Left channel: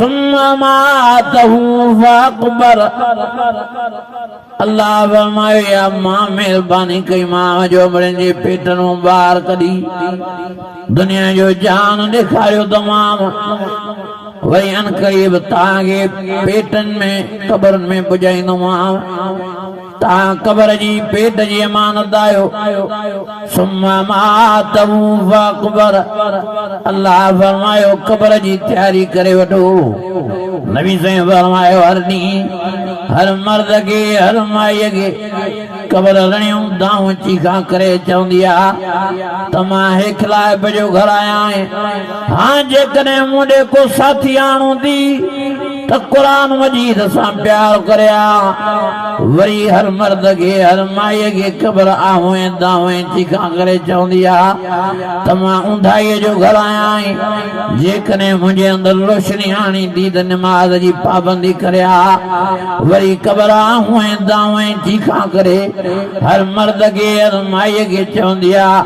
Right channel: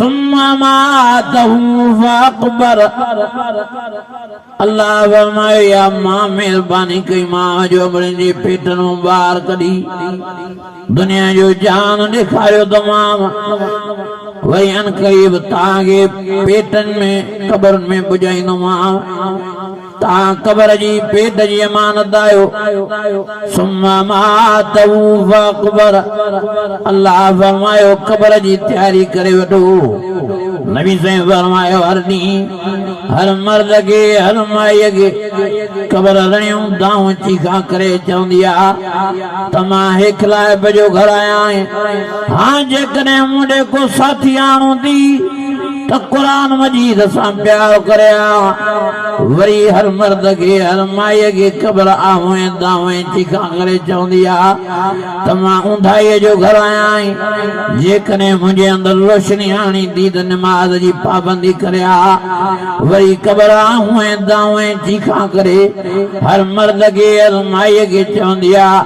सुम्मा मातहू फअक़बर। अल्लाह फरमायो या मां मेहरबानी कई मां जो अमरनि जी पेटनूं ॿार कढी दुनिया जो जान ॾेखारियो तमाम वरी अन क़रीब तव्हांखे पेटनि में क़बरुनि में पुॼाईंदोमांव तव्हां क़बर जी पेट जी अमानत आहियो। सुम्मा मातहू फअक़बर। अल्लाह फरमायो क़बर जी तयारी करे वठो। नबी साईं फरमायो हर ॾींहुं हर मर्द खे हर माईअ खे क़बर रणियूं दाऊं चीखा करे चवंदी आहे त मां हेखलाइब जो घर आया आहियां। हाँ जेकॾहिं मूं को साथी आणूं थी त क़ुरान मजीद सां प्यार करिया। वरी हर मर्द खे हर माईअ खे क़बर आहों दाहों चीखा करे चवंदी आहे त मां ऊंधाईअ जो घर आया आहियां। जेकॾहिं मुंहिंजे अंदरि रोशनी आणी थी त नमाज़ जी पाबंदी करिया। वरी क़बर आहों दाहों चीखा करे हर मर्द खे हर माईअ खे चवंदी आहे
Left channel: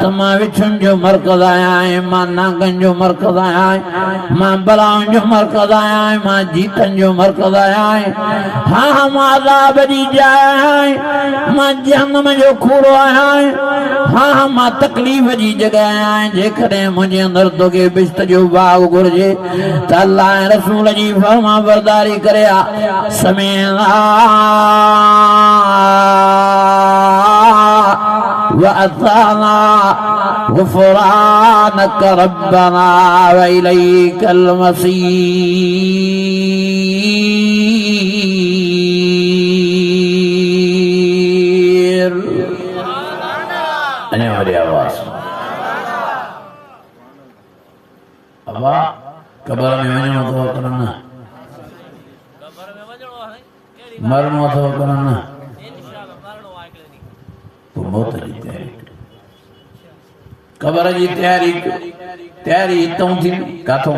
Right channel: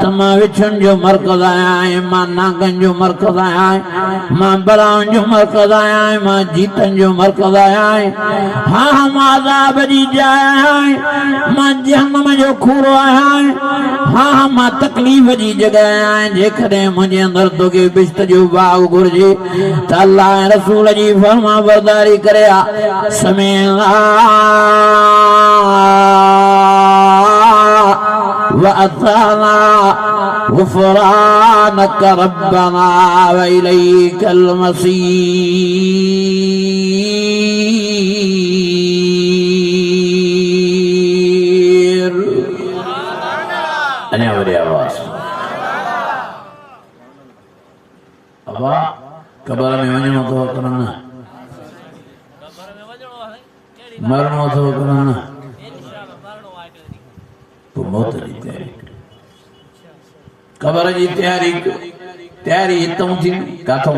त मां विछुनि जो मर्कज़ आया आहियां मां नांगनि जो मर्कज़ आया आहियां मां बलाउनि जो मर्कज़ आया आहियां मां जीतनि जो मर्कज़ आया आहियां। हाँ मां अज़ाब जी जाइ आया आहियां मां जहन्नम जो खूरो आया आहियां। हाँ मां तकलीफ़ जी जॻह आया आहियां। जेकॾहिं मुंहिंजे अंदरि तोखे बिश्त जो बाग घुर्जे त अल्लाह ऐं रसूल जी फर्मा बरदारी करे समेला वअताना गुफ़रानक रब्बना व इलैकल मसीर। अने हमारी आवाज़ अबा क़बर में वञणो अथव करना मरणो अथव करना तो मौत जी तयारी क़बर जी तयारी हितों थी काथों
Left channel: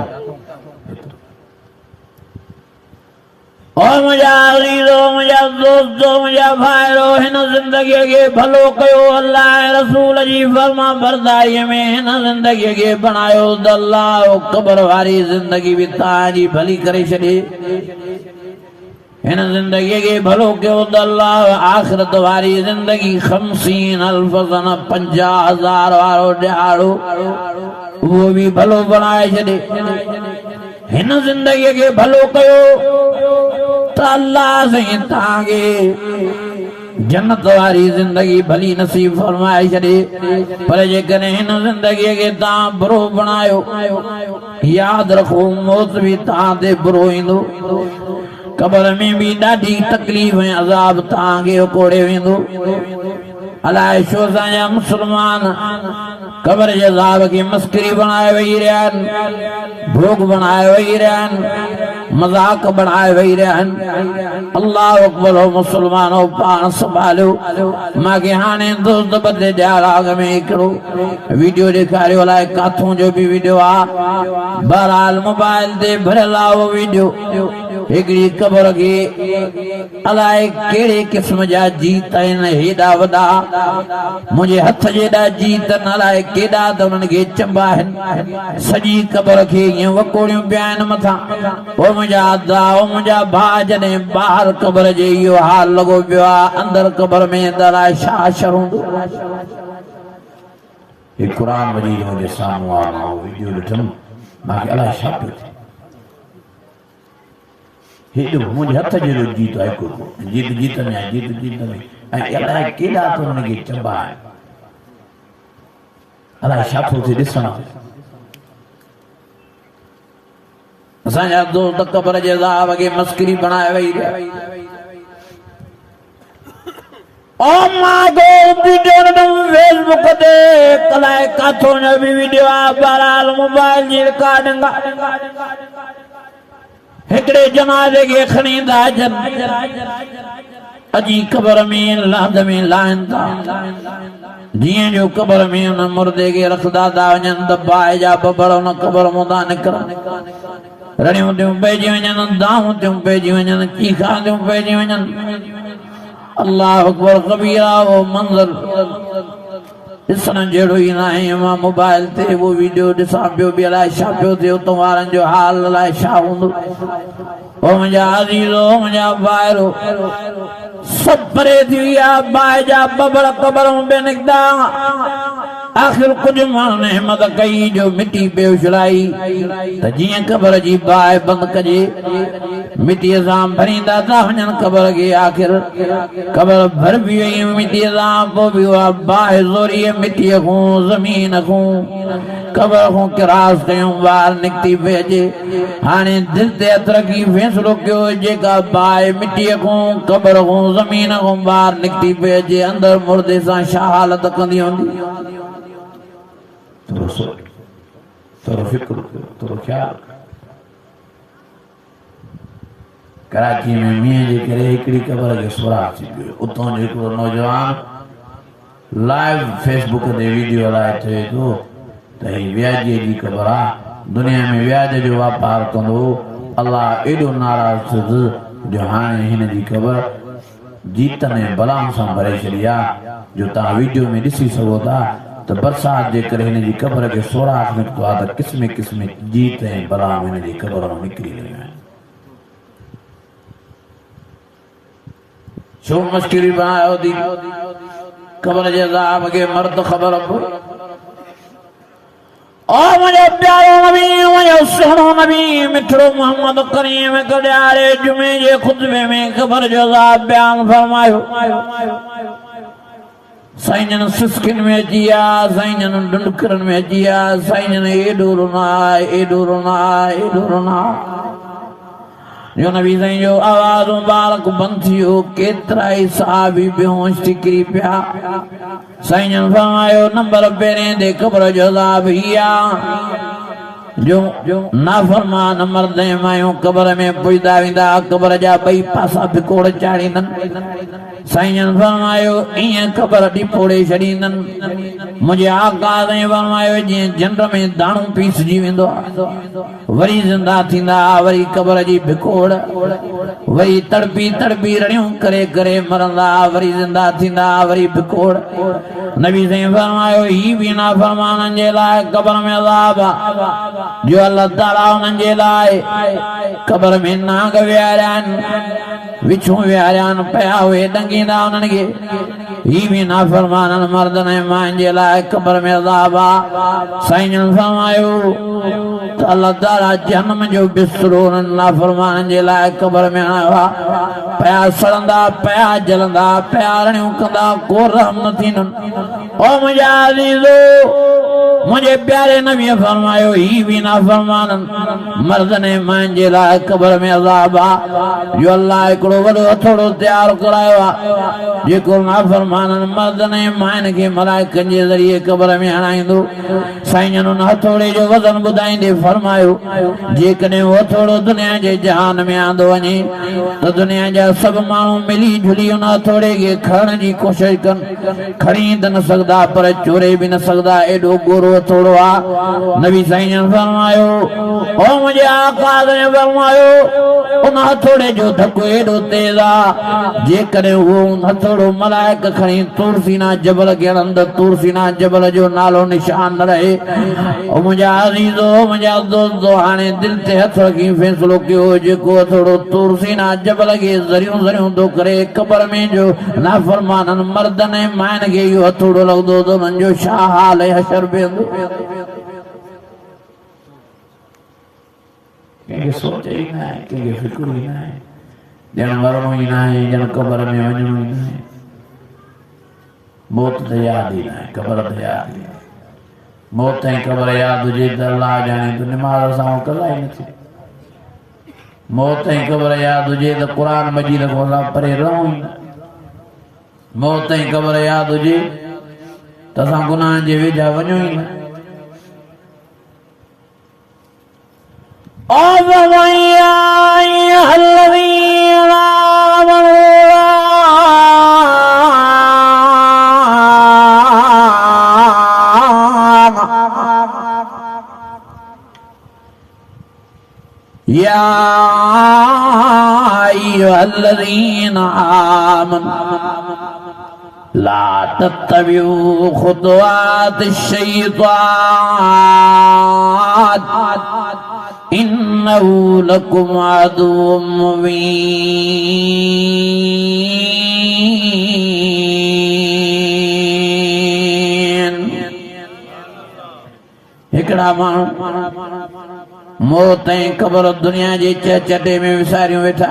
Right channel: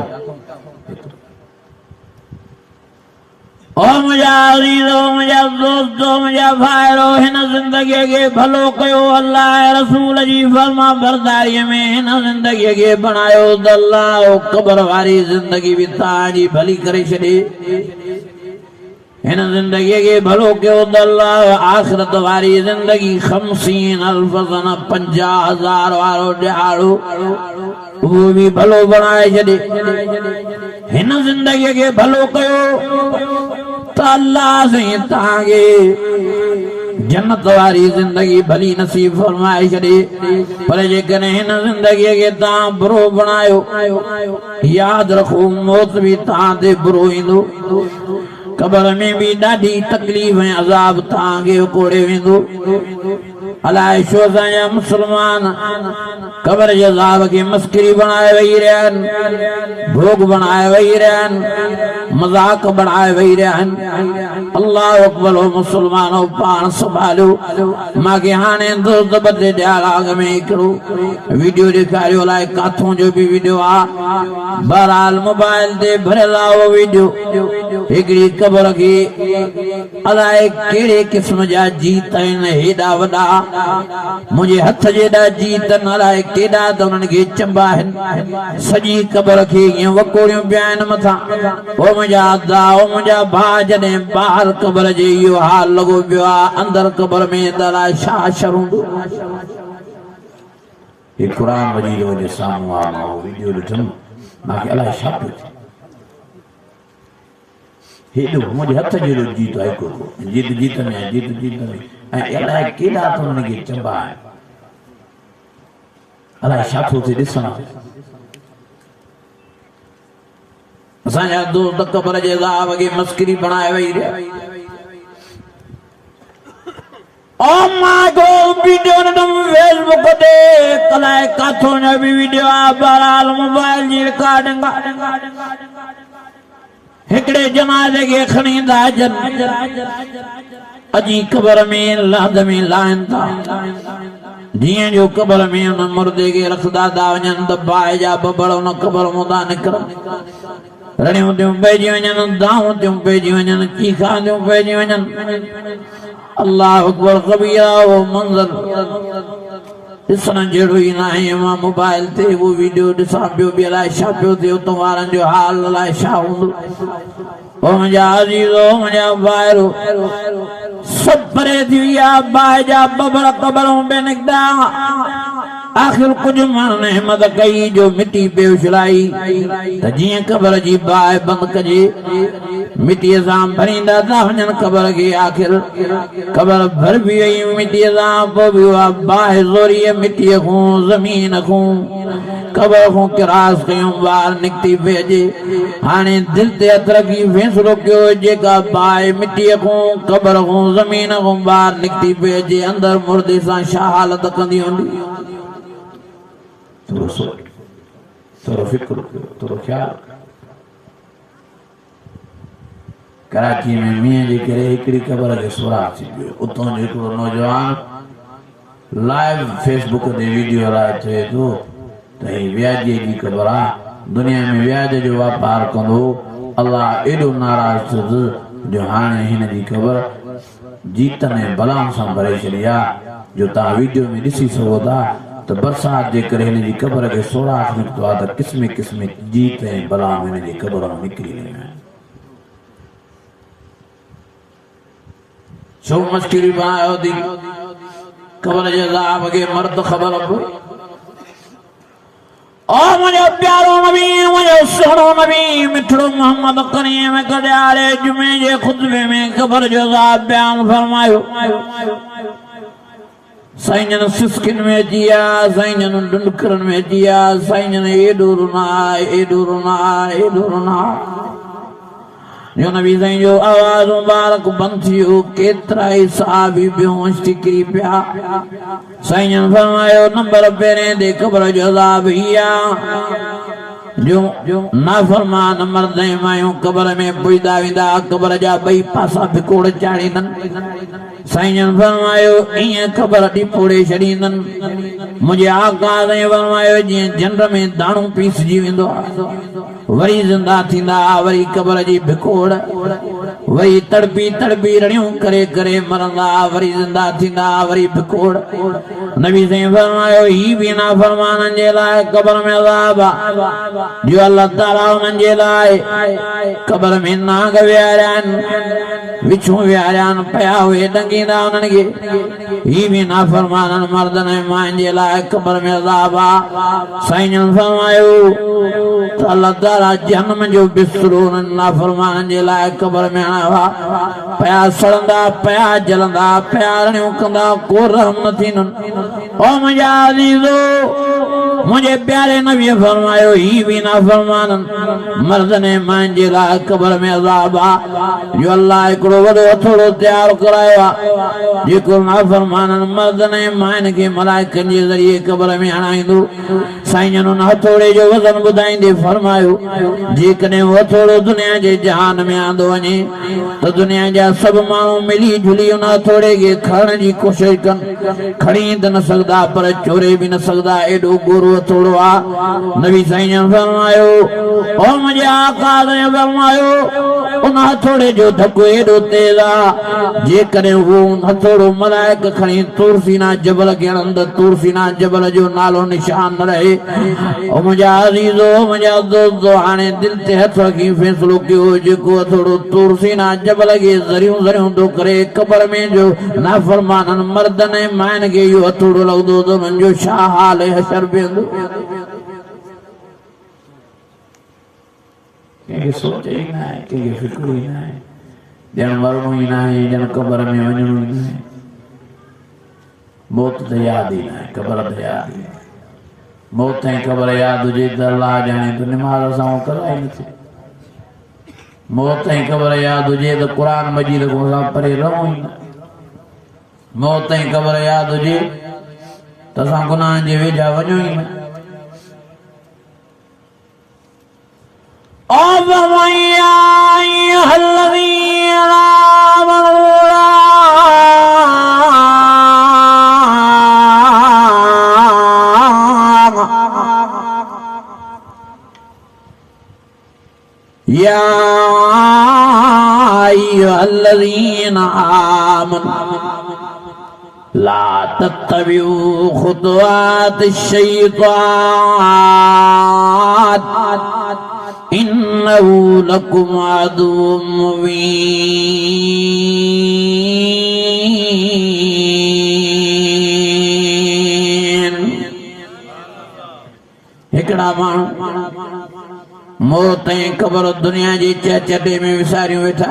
ओ मुंहिंजा अज़ीज़ो मुंहिंजा दोस्तो मुंहिंजा भाइरो हिन ज़िंदगीअ खे भलो कयो अल्लाह ऐं रसूल जी फर्मा बरदारीअ में हिन ज़िंदगीअ खे बणायो त अल्लाह क़बर वारी ज़िंदगी बि तव्हांजी भली करे छॾे। हिन ज़िंदगीअ खे भलो कयो त अल्लाह आख़िरत वारी ज़िंदगी 50,000 सन 50,000 वारो ॾियारो उहो बि भलो बणाए छॾे। हिन ज़िंदगीअ खे भलो कयो त अल्लाह साईं तव्हांखे जन्नत वारी ज़िंदगी भली नसीब फरमाए छॾे। पर जेकॾहिं हिन ज़िंदगीअ खे तव्हां बुरो बणायो यादि रखो मौत बि तव्हां ते बुरो ईंदो। क़बर में भी ॾाढी तकलीफ़ ऐं अज़ाब तव्हांखे कोड़े वेंदो। अलाए छो असांजा मुस्लमान क़बर जे अज़ाब खे मस्करी बणाए वेही रहिया आहिनि भोग बणाए वेही रहिया आहिनि मज़ाक बणाए वेही रहिया आहिनि। अल्लाह अकबर मुस्लमानो पाण संभालियो। मूंखे हाणे दोस्त बदले ॾियाराग में हिकिड़ो वीडियो ॾेखारियो अलाए काथों जो बि वीडियो आहे। बहरहाल मोबाइल ते भरियल आहे उहो वीडियो। हिकिड़ी क़बर खे अलाए कहिड़े क़िस्म जा जीत आहिनि हेॾा वॾा मुंहिंजे हथ जेॾा जीत न अलाए केॾा त उन्हनि खे चंबा आहिनि। सॼी क़बर खे ईअं वकोड़ियूं पिया आहिनि मथां। ओ मुंहिंजा अदा ओ मुंहिंजा भाउ जॾहिं ॿाहिरि क़बर जे इहो हाल लॻो पियो आहे अंदरि क़बर में त अलाए छा शरूं हे क़ुरान मजीद मुंहिंजे साम्हूं आहे वीडियो ॾिठमि मूंखे अलाए छा पियो हेॾो मुंहिंजे हथ जहिड़ो जीत आहे जीत में आहे जीत में ऐं अलाए केॾा त हुनखे चंबा आहिनि अलाए छा थो थिए ॾिसण। असांजा दोस्त क़बर जे अज़ाब खे मस्करी बणाए वेही रहिया। फेसबुक ते अलाए काथों जो बि वीडियो आहे। बहरहाल मोबाइल जी रिकॉर्डिंग हिकिड़े जनाज़े खे खणी था अचनि अजी क़बर में लाद में लाइन था जीअं जो क़बर में उन मुर्दे खे रखदा था वञनि त बाहि जा बबड़ उन क़बर मां था निकिरनि। रड़ियूं थियूं पइजी वञनि दाऊं थियूं पइजी वञनि चीखा थियूं पइजी वञनि। अल्लाह अकबर कबीरा वो मंज़र ॾिसण जहिड़ो ई न आहे मां मोबाइल ते उहो वीडियो ॾिसां पियो बि अलाए छा पियो थिए उतां वारनि जो हाल अलाए छा हूंदो ओ मुंहिंजा अज़ीज़ो मुंहिंजा भाइरो सभु परे थी विया बाहि जा बबर क़बरूं बि निकिता आख़िर कुझु माण्हुनि हिमत कई जो मिटी पे उछलाई त जीअं क़बर जी बाहि बंदि कजे मिटीअ सां भरींदा था वञनि क़बर खे आख़िर क़बर भरबी वई मिटीअ सां पोइ बि उहा बाहि ज़ोरीअ मिटीअ खां ज़मीन खां क़बर खां किरास कयूं ॿाहिरि निकिती पई अचे हाणे दिलि ते हथ रखी फ़ैसिलो कयो जेका बाहि मिटीअ खां क़बर खां ज़मीन खां ॿाहिरि निकिती पई अचे अंदरि मुर्दे सां छा हालत कंदी हूंदी थोरो फिक्र थोरो ख्यालु कराची में मींहं जे करे हिकिड़ी क़बर खे सुराख थी पियो उतां जो हिकिड़ो नौजवान लाइव फेसबुक ते वीडियो हलाए चए थो त हीअ व्याजे जी क़बर आहे दुनिया में व्याज जो वापार कंदो अलाह एॾो नाराज़ थियो जो हाणे हिन जी क़बर जीतन ऐं बलाउनि सां भरे छॾी आहे जो तव्हां वीडियो में ॾिसी सघो था त बरसाति जे करे हिन जी क़बर खे सोराख निकितो आहे त क़िस्म क़िस्म जीत ऐं बलाऊं हिन जी क़बर मां निकिरी रहियूं आहिनि छो मस्किरी बनायो थी क़बर जे अज़ाब खे मर्द ख़बर पए ओ मुंहिंजो प्यारो नबी मुंहिंजो सुहिणो नबी मिठड़ो मोहम्मद करीम कॾहिं जुमे जे खुतबे में क़बर जो अज़ाब बयान फरमायो साईं जन सिस्किन में अची विया साईं जन डुंडकरनि में अची विया साईं जन एॾो रुना एॾो रुना एॾो रुना जो नबी साईं जो आवाज़ मुबारक बंदि थी वियो केतिरा ई सहाबी बेहोश थी किरी पिया साईं जन फरमायो नंबर पहिरें ते क़बर जो अज़ाब इहा जो नाफरमान मर्द ऐं मायूं क़बर में पुॼंदा वेंदा क़बर जा ॿई पासा भिकोड़ चाढ़ींदनि साईं जन फरमायो ईअं क़बर टिपोड़े छॾींदनि मुंहिंजे आका साईं फरमायो जीअं झंड में दाणो पीसजी वेंदो आहे वरी ज़िंदा थींदा वरी क़बर जी भिकोड़ वरी तड़पी तड़पी रड़ियूं करे करे मरंदा वरी ज़िंदा थींदा वरी भिकोड़ नबी साईं फरमायो ही बि नाफरमाननि जे लाइ क़बर में अज़ाब जो अल्लाह ताला उन्हनि जे लाइ क़बर में नाग विहारिया आहिनि विछूं विहारिया आहिनि पिया उहे ॾंगींदा उन्हनि खे ही बि नाफरमाननि मर्दनि ऐं मायुनि जे लाइ क़बर में अज़ाब आहे साईं जन फरमायो त अल्लाह ताला जहन्नम जो बिस्तरो उन्हनि नाफरमाननि जे लाइ क़बर में आयो आहे पिया सड़ंदा पिया जलंदा पिया रड़ियूं कंदा को रहम न थींदुनि ओ मुंहिंजा अज़ीज़ो मुंहिंजे प्यारे नबीअ फरमायो ही बि नाफरमाननि मर्दनि ऐं मायुनि जे लाइ क़बर में अज़ाब आहे जो अल्लाह हिकिड़ो वॾो हथोड़ो तयारु करायो आहे जेको नाफरमाननि मर्दनि ऐं मायुनि खे मलाइकनि जे ज़रिए क़बर में हणाईंदो साईं जन उन हथोड़े जो वज़न ॿुधाईंदे फरमायो जेकॾहिं उहो हथोड़ो दुनिया जे जहान में आंदो वञे त दुनिया जा सभु माण्हू मिली जुली उन हथोड़े खे खणण जी कोशिशि कनि खणी त न सघंदा पर चोरे बि न सघंदा एॾो गोरो हथोड़ो आहे नबी साईं जन फरमायो ओ मुंहिंजे आका साईं फरमायो उन हथोड़े जो धकु एॾो तेज़ आहे जेकॾहिं उहो हथोड़ो मलाइक खणी तूरसीना जबल खे हणंदो तूरसीना जबल जो नालो निशान न रहे ओ मुंहिंजा अज़ीज़ो मुंहिंजा दोस्तो हाणे दिलि ते हथ रखी फ़ैसिलो कयो जेको हथोड़ो तूरसीना जबल खे ज़रियूं ज़रियूं थो करे क़बर में जो नाफरमाननि मर्दनि ऐं मायुनि खे इहो हथोड़ो लॻंदो त उन्हनि जो छा हाल ऐं हशर बीहंदो कंहिंखे सोच ई न आहे कंहिंखे फिक्र ई न आहे ॼण मरणो ई न आहे ॼण क़बर में वञणो ई न आहे मौत त यादि ई न आहे क़बर त यादि ई मौत ऐं क़बर यादि हुजे त अलाह ॼाणे त निमाज़ सां कला ई न थिए मौत ऐं क़बर यादि हुजे त क़ुर मजीद खां असां परे रहूं ई न मौत ऐं क़बर यादि हुजे त असां गुनाह जे वेझा वञूं ई न या अय्युहल्लज़ीना आमनू ला तत्तबिऊ खुतवात शैतान इन्नहु लकुम अदुव्वुम मुबीन। हिकड़ा माण्हू मौत ऐं क़ब्र दुनिया जे चटे में विसारियो वेठा,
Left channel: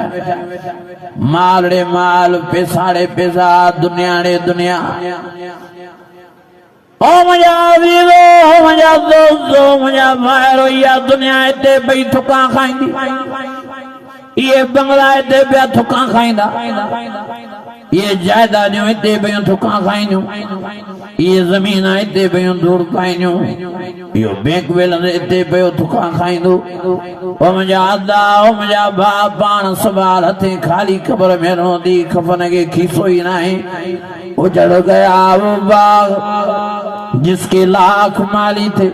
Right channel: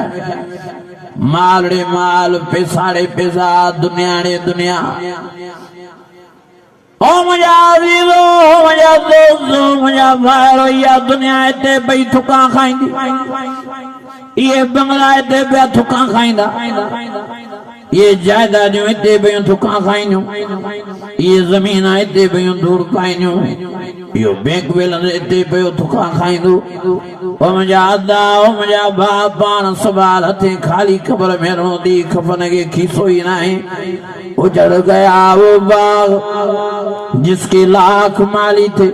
माल रे माल, पैसा रे पैसा, दुनिया रे दुनिया। ओ मुंहिंजा अज़ीज़ो, मुंहिंजा दोस्तो, मुंहिंजा भाइरो, इहा दुनिया हिते पई थुका खाईंदी, इहे बंगला हिते पिया थुका खाईंदा, इहे जायदादियूं हिते पयूं थुका खाईंदियूं, इहे ज़मीन हिते पयूं धूड़ पाईंदियूं, इहो बैंक बैलेंस हिते पियो थुका खाईंदो। ओ मुंहिंजा अदा, ओ मुंहिंजा भाउ, पाण सवाल हथे ख़ाली क़ब्र में रहंदी, कफ़न खे खीसो ई नाहे। उजड़ गया वो बाग जिसके लाख माली थे,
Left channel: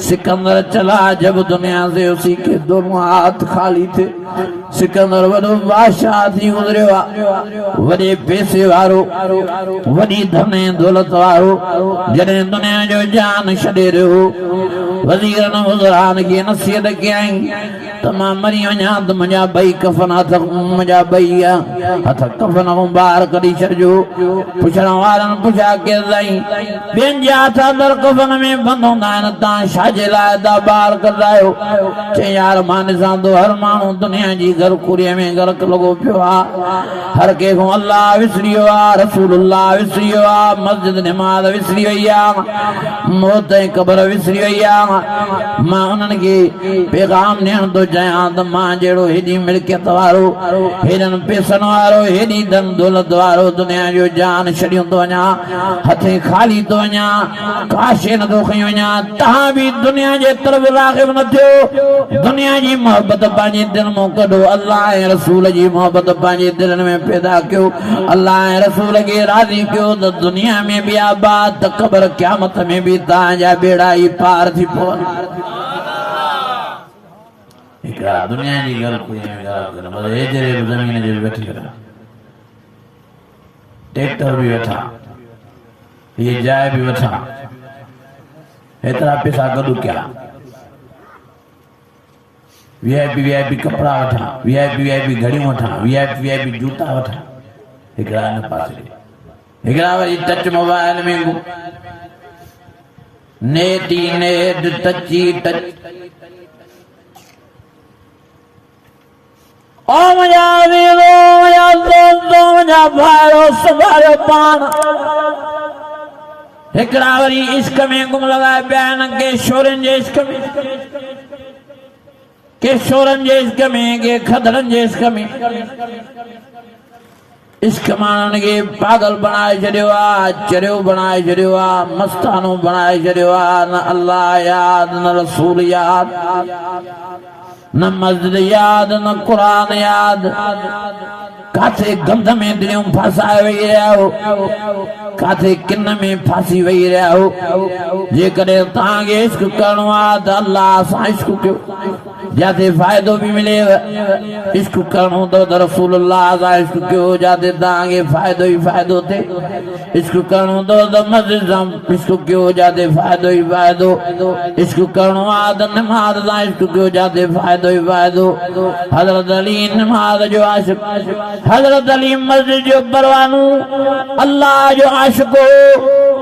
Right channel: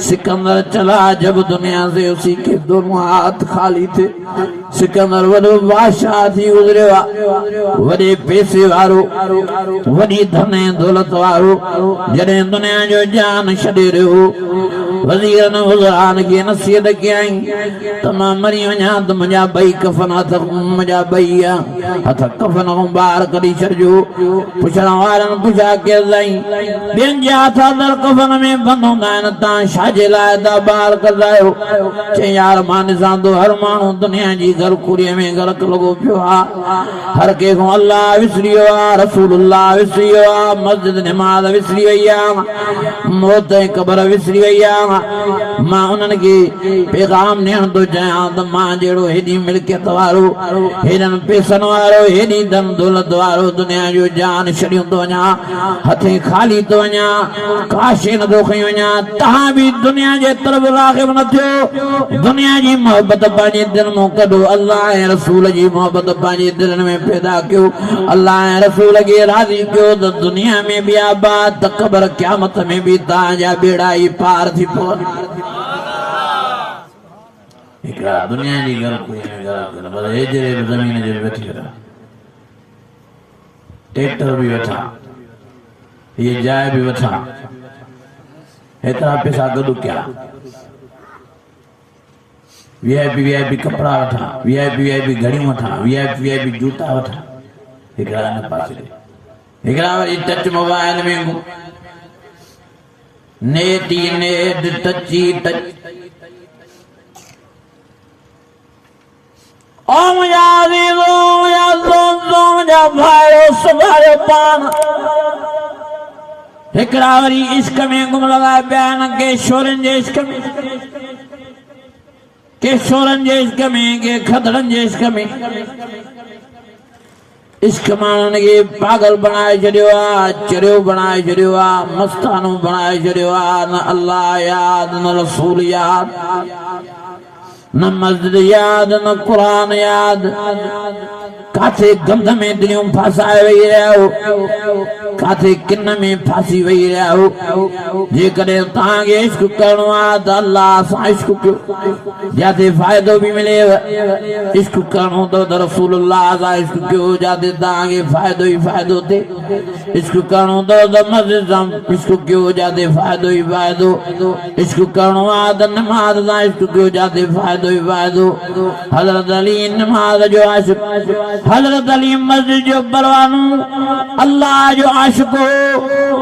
सिकंदर चला जब दुनिया से उसी के दोनों हाथ खाली थे। सिकंदर वॾो बादशाह थी गुज़रियो आहे, वॾे पैसे वारो, वॾी धन ऐं दौलत वारो। जॾहिं दुनिया जो जान छॾे रहियो, वज़ीरनि वज़रान खे नसीहत कयईं त मां मरी वञा त मुंहिंजा ॿई कफ़न हथ, मुंहिंजा ॿई हथ कफ़न खां ॿाहिरि कढी छॾिजो। पुछण वारनि पुछा कयो साईं, ॿियनि जा हथ अंदरि कफ़न में बंदि हूंदा आहिनि, तव्हां छाजे लाइ था ॿाहिरि कंदा आहियो? चई यार मां ॾिसां थो हर माण्हू दुनिया जी घरकुड़ीअ में गर्क लॻो पियो आहे, हर कंहिंखो अल्लाह विसरी वियो आहे, रसूलुल्लाह विसरी वियो आहे, मस्जिद निमाज़ विसरी वई आहे, मौत ऐं क़ब्र विसरी वई आहे। मां उन्हनि खे पैगाम ॾियण थो चाहियां त मां जहिड़ो हेॾी मिल्कियत वारो, हेॾनि पैसनि वारो, हेॾी धन दौलत वारो दुनिया जो जान छॾियो थो वञा, हथे ख़ाली थो वञा, काशे नथो खई वञा। तव्हां बि दुनिया जे तरफ़ राग़िब न थियो, दुनिया जी मोहबत पंहिंजे दिल में कढो, अल्लाह ऐं रसूल जी मोहबत पंहिंजे दिलनि में पैदा कयो, अल्लाह ऐं रसूल खे राज़ी कयो त दुनिया में बि आबाद त क़ब्र क़यामत में बि तव्हांजा बेड़ा ई पार थी पवनि। हिकिड़ा दुनिया जी ॻाल्हि हेतिरे ज़मीन जे वेठी ट्रैक्टर भी वठा, ये जाए भी वठा, हेतिरा पैसा गॾु कया, वीआईपी कपड़ा वठा, वीआईपी घड़ियूं वठा, वीआईपी जूता वठा। हिकिड़ा हिन पासे, हिकिड़ा वरी टच मोबाइल में नेट ई नेट, टच ई टच। ओ मुंहिंजा अज़ीज़ो, मुंहिंजा दोस्तो, मुंहिंजा भाइरो, सदायो पाण हिकिड़ा वरी इश्क में गुम लॻाए पिया आहिनि, के शोरनि जे इश्क में, के शोरनि जे इश्क में, के खदड़नि जे इश्क में। इश्क माण्हुनि खे पागल बणाए छॾियो आहे, चरियो बणाए छॾियो आहे, मस्तानो बणाए छॾियो आहे। न अल्लाह याद, न रसूल याद, न मस्जिद याद, न क़ुरान याद। काथे गंध में दिलियूं फासाए वेई रहिया हो, काथे किन में फासी वेई रहिया हो। जेकॾहिं तव्हांखे इश्क करणो आहे त अल्लाह सां इश्क कयो, जिते फ़ाइदो बि मिलेव। इश्क करणो अथव त रसूलुल्लाह सां इश्क कयो, जिते तव्हांखे फ़ाइदो ई फ़ाइदो थिए। इश्क करणो अथव त मस्जिद सां इश्क कयो, जिते फ़ाइदो ई फ़ाइदो। इश्क करणो आहे त नमाज़ सां इश्क कयो, जिते फ़ाइदो ई फ़ाइदो। हज़रत अली नमाज़ जो आशिक़, हज़रत अली मस्जिद जो परवानो, अल्लाह जो आशिक़ हो।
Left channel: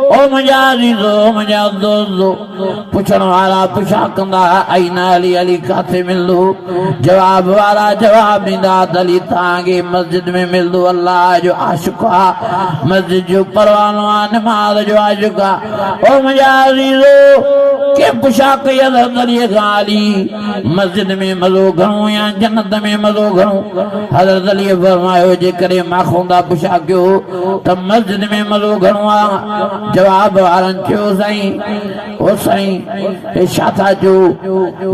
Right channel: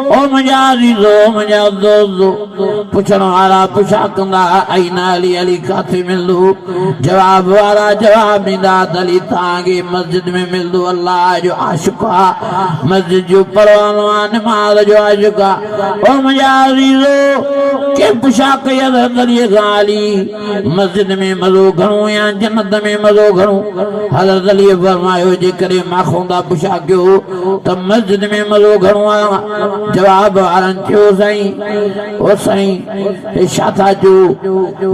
ओ मुंहिंजा अज़ीज़ो, मुंहिंजा दोस्तो, पुछण वारा पुछा कंदा आईना अली, अली काथे मिलंदो? जवाब वारा जवाब ॾींदा त अली तव्हांखे मस्जिद में मिलंदो। अल्लाह जो आशिक़ आहे, मस्जिद जो परवानो आहे, नमाज़ जो आशिक़ आहे। ओ मुंहिंजा अज़ीज़ो, के पुछा कई हज़रत अलीअ खां, अली मस्जिद में मज़ो घणो या जन्नत में मज़ो घणो? हज़रत अलीअ फरमायो, जेकॾहिं माखोंदा पुछा कयो त मस्जिद में मज़ो घणो आहे। जवाब वारनि चयो, साईं ओ साईं हे छा था चयो?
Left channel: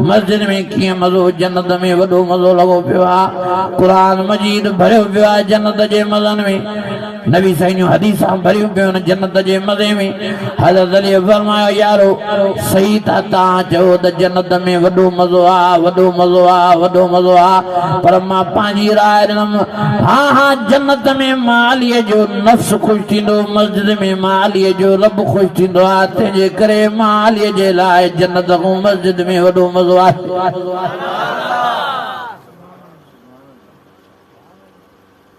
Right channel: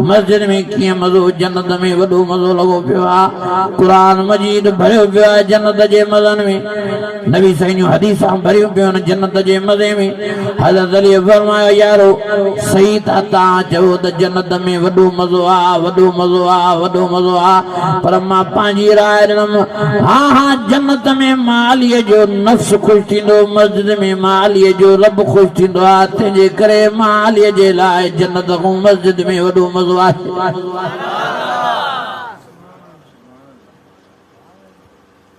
मस्जिद में कीअं मज़ो, जन्नत में वॾो मज़ो लॻो पियो आहे। क़ुरान मजीद भरियो पियो आहे जन्नत जे मज़नि में, नबी साईं जूं हदीसां भरियूं पियूं आहिनि जन्नत जे मज़े में। हज़रत अलीअ फरमायो, यारो सही था तव्हां चयो त जन्नत में वॾो मज़ो आहे, वॾो मज़ो आहे, वॾो मज़ो आहे, पर मां पंहिंजी राय ॾिनमि। हाँ हाँ जन्नत में मालिय जो नफ्स खुश थींदो मस्जिद में मालिय जो रब खुश थींदो आहे तंहिंजे करे मालिय जे लाइ जन्नत खां मस्जिद में वॾो मज़ो आहे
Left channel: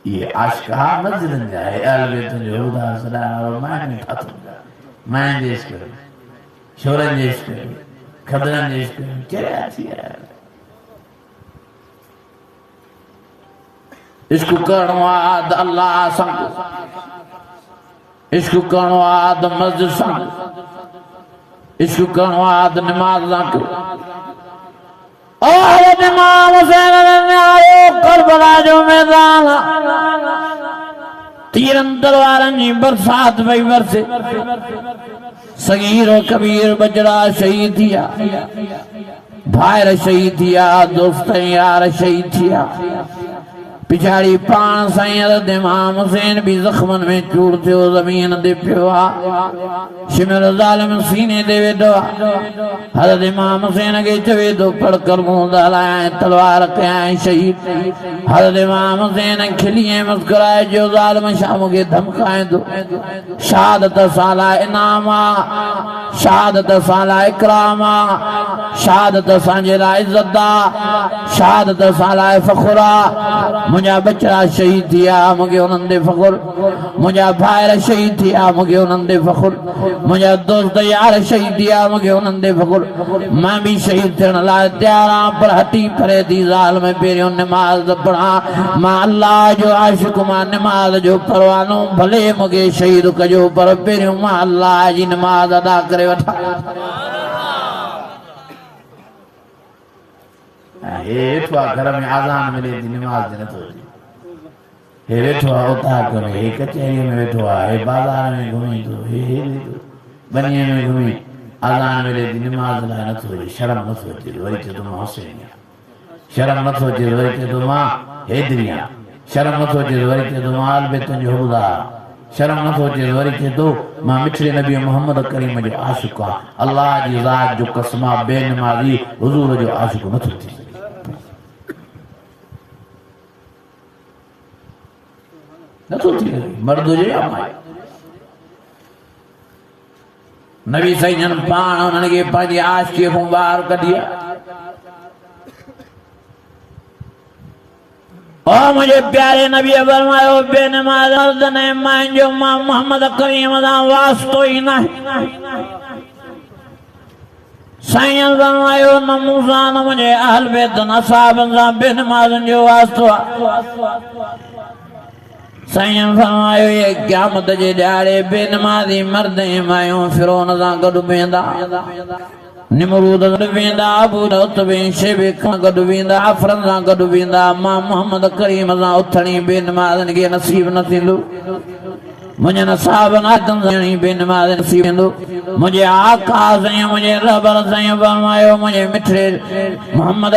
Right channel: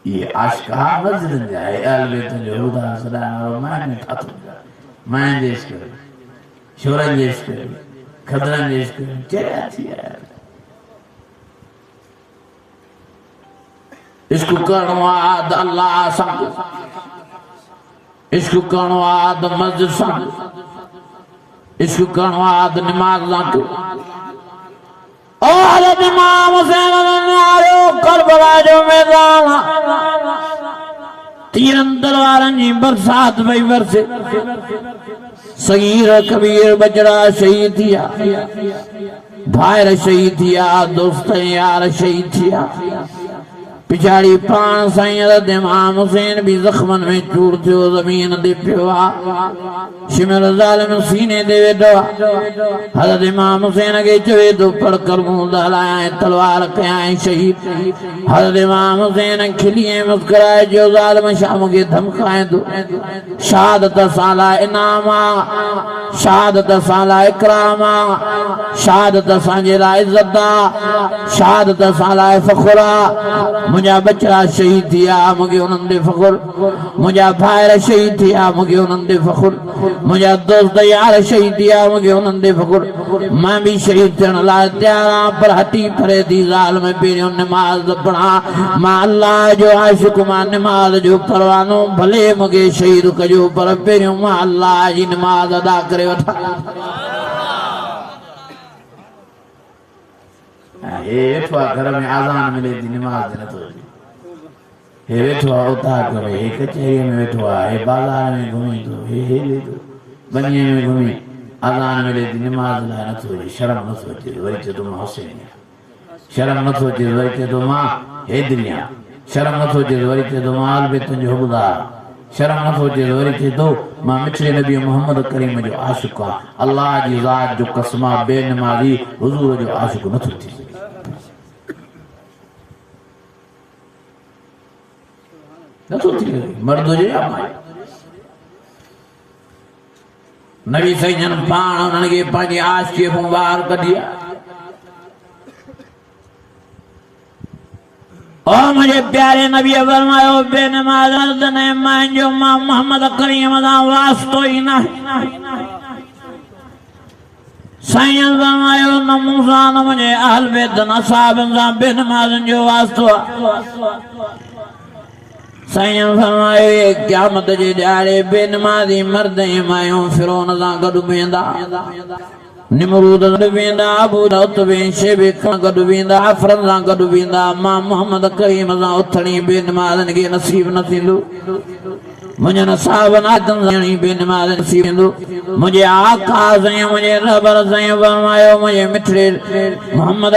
ये आशिक़ा मस्जिद जा अहल बैत जो हुदा सदा माने ठातो माने जे इश्क शोरन जे इश्क खदरन जे इश्क चया थी इश्क करणो आहे अल्लाह सां इश्क करणो आहे मस्जिद सां इश्क करणो आहे नमाज सां और इमाम हुसैन ने आयो करबला जो मैदान तीरन तलवारन जी बरसात भई वरसे सगीर कबीर बजड़ा शहीद थिया भाइर शहीद थिया दोस्त यार शहीद थिया पिछाड़ी पान साईं इमाम हुसैन भी जख्मन में चूर थियो जमीन ते पियो आहे शिमर ज़ालिम सीने ते वेठो हज़रत इमाम हुसैन खे चवे थो पढ़ कर मुंहुं ॻाल्हाए तलवार कयां शहीद हज़रत इमाम हुसैन खिली ऐं मुस्कुराए जो ज़ालिम शाम खे धमकाए थो शहादत सां लाइ इनाम आहे शहादत सां लाइ इकराम आहे शहादत असांजे लाइ इज़त आहे शहादत असां लाइ फ़ख़ुर आहे मुझा बच्चा शहीद थिया मूंखे उन्हनि ते फ़ख़ुर मुझा भाइर शहीद थिया मूंखे उन्हनि ते फ़ख़ुर मुझा दोस्त यार शहीद थिया मूंखे उन्हनि ते फ़ख़ुर मां भी शहीद थियण लाइ तयार आहियां पर हटी परे थी ज़ाल में पहिरियों निमाज़ पढ़ा मां अल्लाह जो आशिक़ मां निमाज़ जो परवानो भले मूंखे शहीद कजो पर पहिरियों मां अल्लाह जी निमाज़ अदा करे वठां वेठो आहे घर में आज़ान मिले थी निमाज़ नथो हे वेठो आहे उता करे हे कचहरी में वेठो आहे हे बाज़ार में घुमे थो हे बनीअ में घुमे आज़ान मिले थी निमाज़ लाइ नथो अचे शर्म नथो अचे वरी चए थो मां हुसैन शर्म नथो अचे वरी चए थो मां हैदरी आहियां शर्म नथो अचे वरी चए थो मां अहल बैत जो हुबदार शर्म नथो अचे वरी चए थो मां मिठड़े नबी मोहम्मद करीम जो आशिक़ आहे अल्लाह जी ज़ात जो कसम आहे बेनमाज़ी हुज़ूर जो आशिक़ नथो थी सघे नथो थी सघे मर्द हुजे या माई नबी साईं जन पाण उन्हनि खे पंहिंजी आशिक़ीअ खां ॿाहिरि कढी ओ मुझे प्यारे नबी फरमायो बेनमाज़ मर्द ने मुंहिंजो मां मोहम्मद करीम सां वास्तो ई नाहे साईं फरमायो न मूंसां न मुंहिंजे अहल बैत न असहाबनि सां बेनमाज़नि जो वास्तो आहे साईं फरमायो ये क़यामत जे ॾियारे बेनमाज़ी मर्द ऐं मायूं फिरौन सां गॾु वेंदा निमरूद गॾु वेंदा अबू उतबे शेबे खां गॾु वेंदा आफरन सां गॾु वेंदा मां मोहम्मद करीम सां उथणी बेनमाज़नि खे नसीब न थींदो मुझे नसाब नादम जणी बेनमाज़ नसीब थींदो मुझे आका साईं मुझे रबर साईं फरमायो मुझे मिठड़े मोहम्मद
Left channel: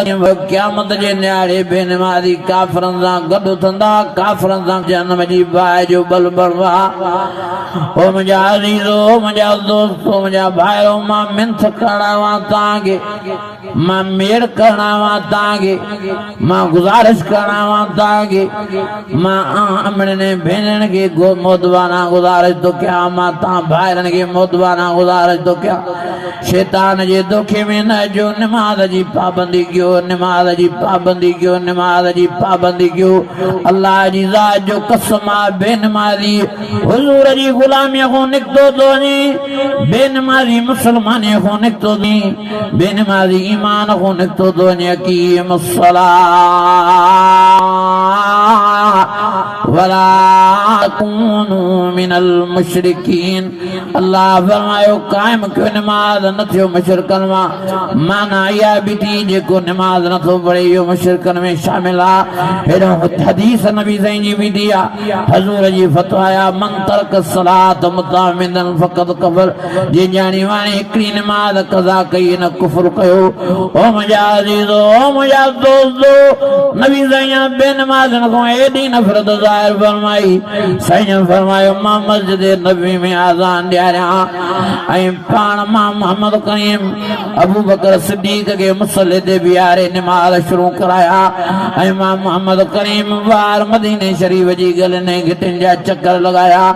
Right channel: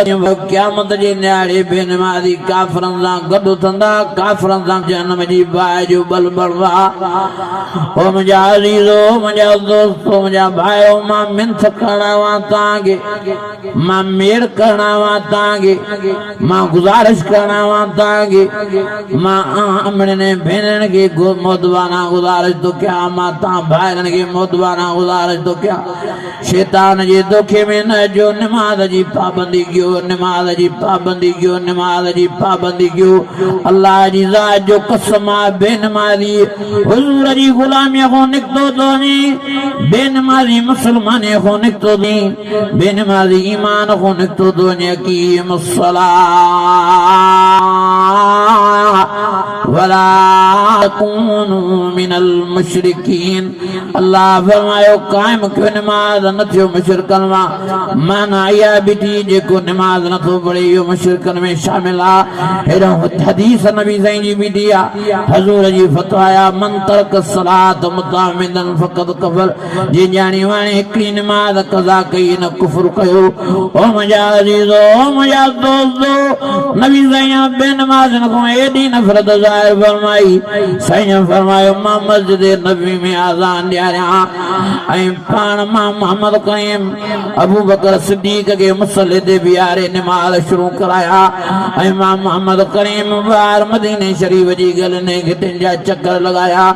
क़यामत जे न्यारे बेनमाज़ी काफ़िरनि सां गॾु थींदा काफ़िरनि सां जहन्नम जी बाहि जो बल बणवा ओ मुंहिंजा अज़ीज़ो मुंहिंजा दोस्तो मुंहिंजा भाइयो मां मिंथ करणा तव्हांखे मां मेर करणा तव्हांखे मां गुज़ारिश करणा तव्हांखे मां अमड़नि भेनरनि खे मोदवाना गुज़ारिश तो क्या मां तव्हां भाइरनि खे मोदवाना गुज़ारिश तो क्या शैतान जे धोखे में न जो निमाज़ जी पाबंदी कयो निमाज़ जी पाबंदी कयो निमाज़ जी पाबंदी कयो अल्लाह जी ज़ात जो कसम आहे बेनमाज़ी हुज़ूर जी ग़ुलामीअ खां निकितो थो वञे बेनमाज़ी मुस्लमानीअ खां निकितो थो वञे बेनमाज़ी ईमान खां निकितो थो वञे क़ीमुस सलाह वला तकूनू मिनल मुशरिकीन अल्लाह फरमायो कायम कयो निमाज़ न थियो मुशरिकन माना इहा बि थी जेको निमाज़ नथो पढ़े इहो मुशरिकन में शामिल आहे हेॾो हदीस नबी साईं जी बि थी आहे हज़ूर जी फतवा मन तरक सलात मुतामिदन फ़क़त कफ़र जे ॼाणी वाणी हिकिड़ी निमाज़ क़ज़ा कई न कुफ़्र कयो ओ मुंहिंजा अज़ीज़ो ओ मुंहिंजा दोस्तो नबी साईं बेनमाज़नि खां एॾी नफ़रत ज़ाहिर फरमाई साईं फरमायो मां मस्जिद नबी में आज़ान ॾियारियां ऐं पाण मां मोहम्मद करीम अबू बकर सिद्दीक़ खे मुसल्ले ते बीहारे निमाज़ शुरू कराया ऐं मां मोहम्मद करीम ॿाहिरि मदीने शरीफ़ जी गलियुनि घिटियुनि जा चकर लॻाया